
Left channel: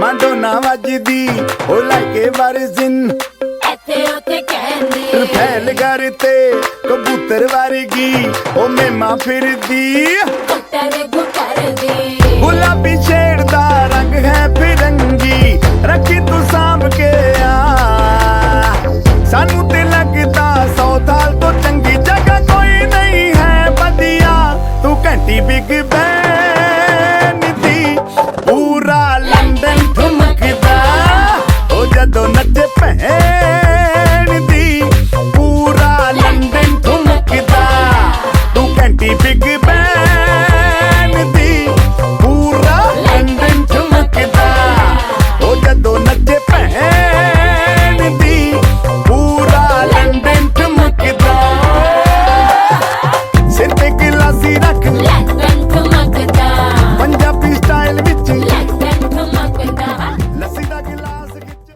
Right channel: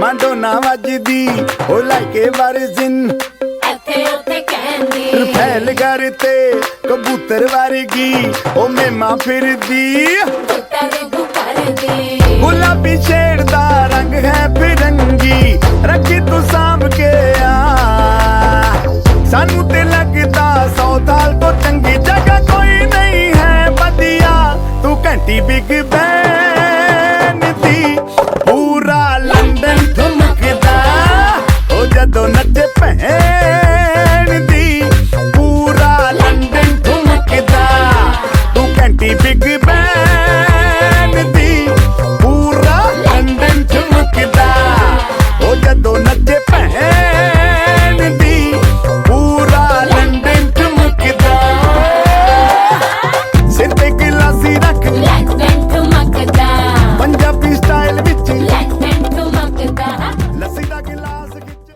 ਮਾਂਡੋਨਾ ਵੱਜਦੀ ਉਹ ਲਾਈਕੇ ਵਾਰਿਜ਼ਨ ਇੱਥੇ ਉੱਥੇ ਕਹਿੰਦੀ ਰਫੈਲ ਘਰ ਤੇ ਕਬੂਤਰ ਵਰਗੀ ਉਹ ਮੇਮਾ ਫਿਰਦੀ ਗੁੱਟਰਦੀ ਗੁਲਾਬੀ ਸ਼ੇਡ ਦਾ ਰੰਗ ਹੈ ਫਿਰੰਗੀ ਰੱਖੀ ਤੂੰ ਸਾਂਭ ਕੇ ਆ ਸਾਨੂੰ ਤੇ ਲੱਗਦਾ 100 ਸਾਲ ਤੋਂ ਚੰਗੀ ਜਗ੍ਹਾ ਕੋਈ ਨਹੀਂ ਹੈ ਵਧੀਆ ਤੂੰ ਘੰਟੀ ਬਿਗ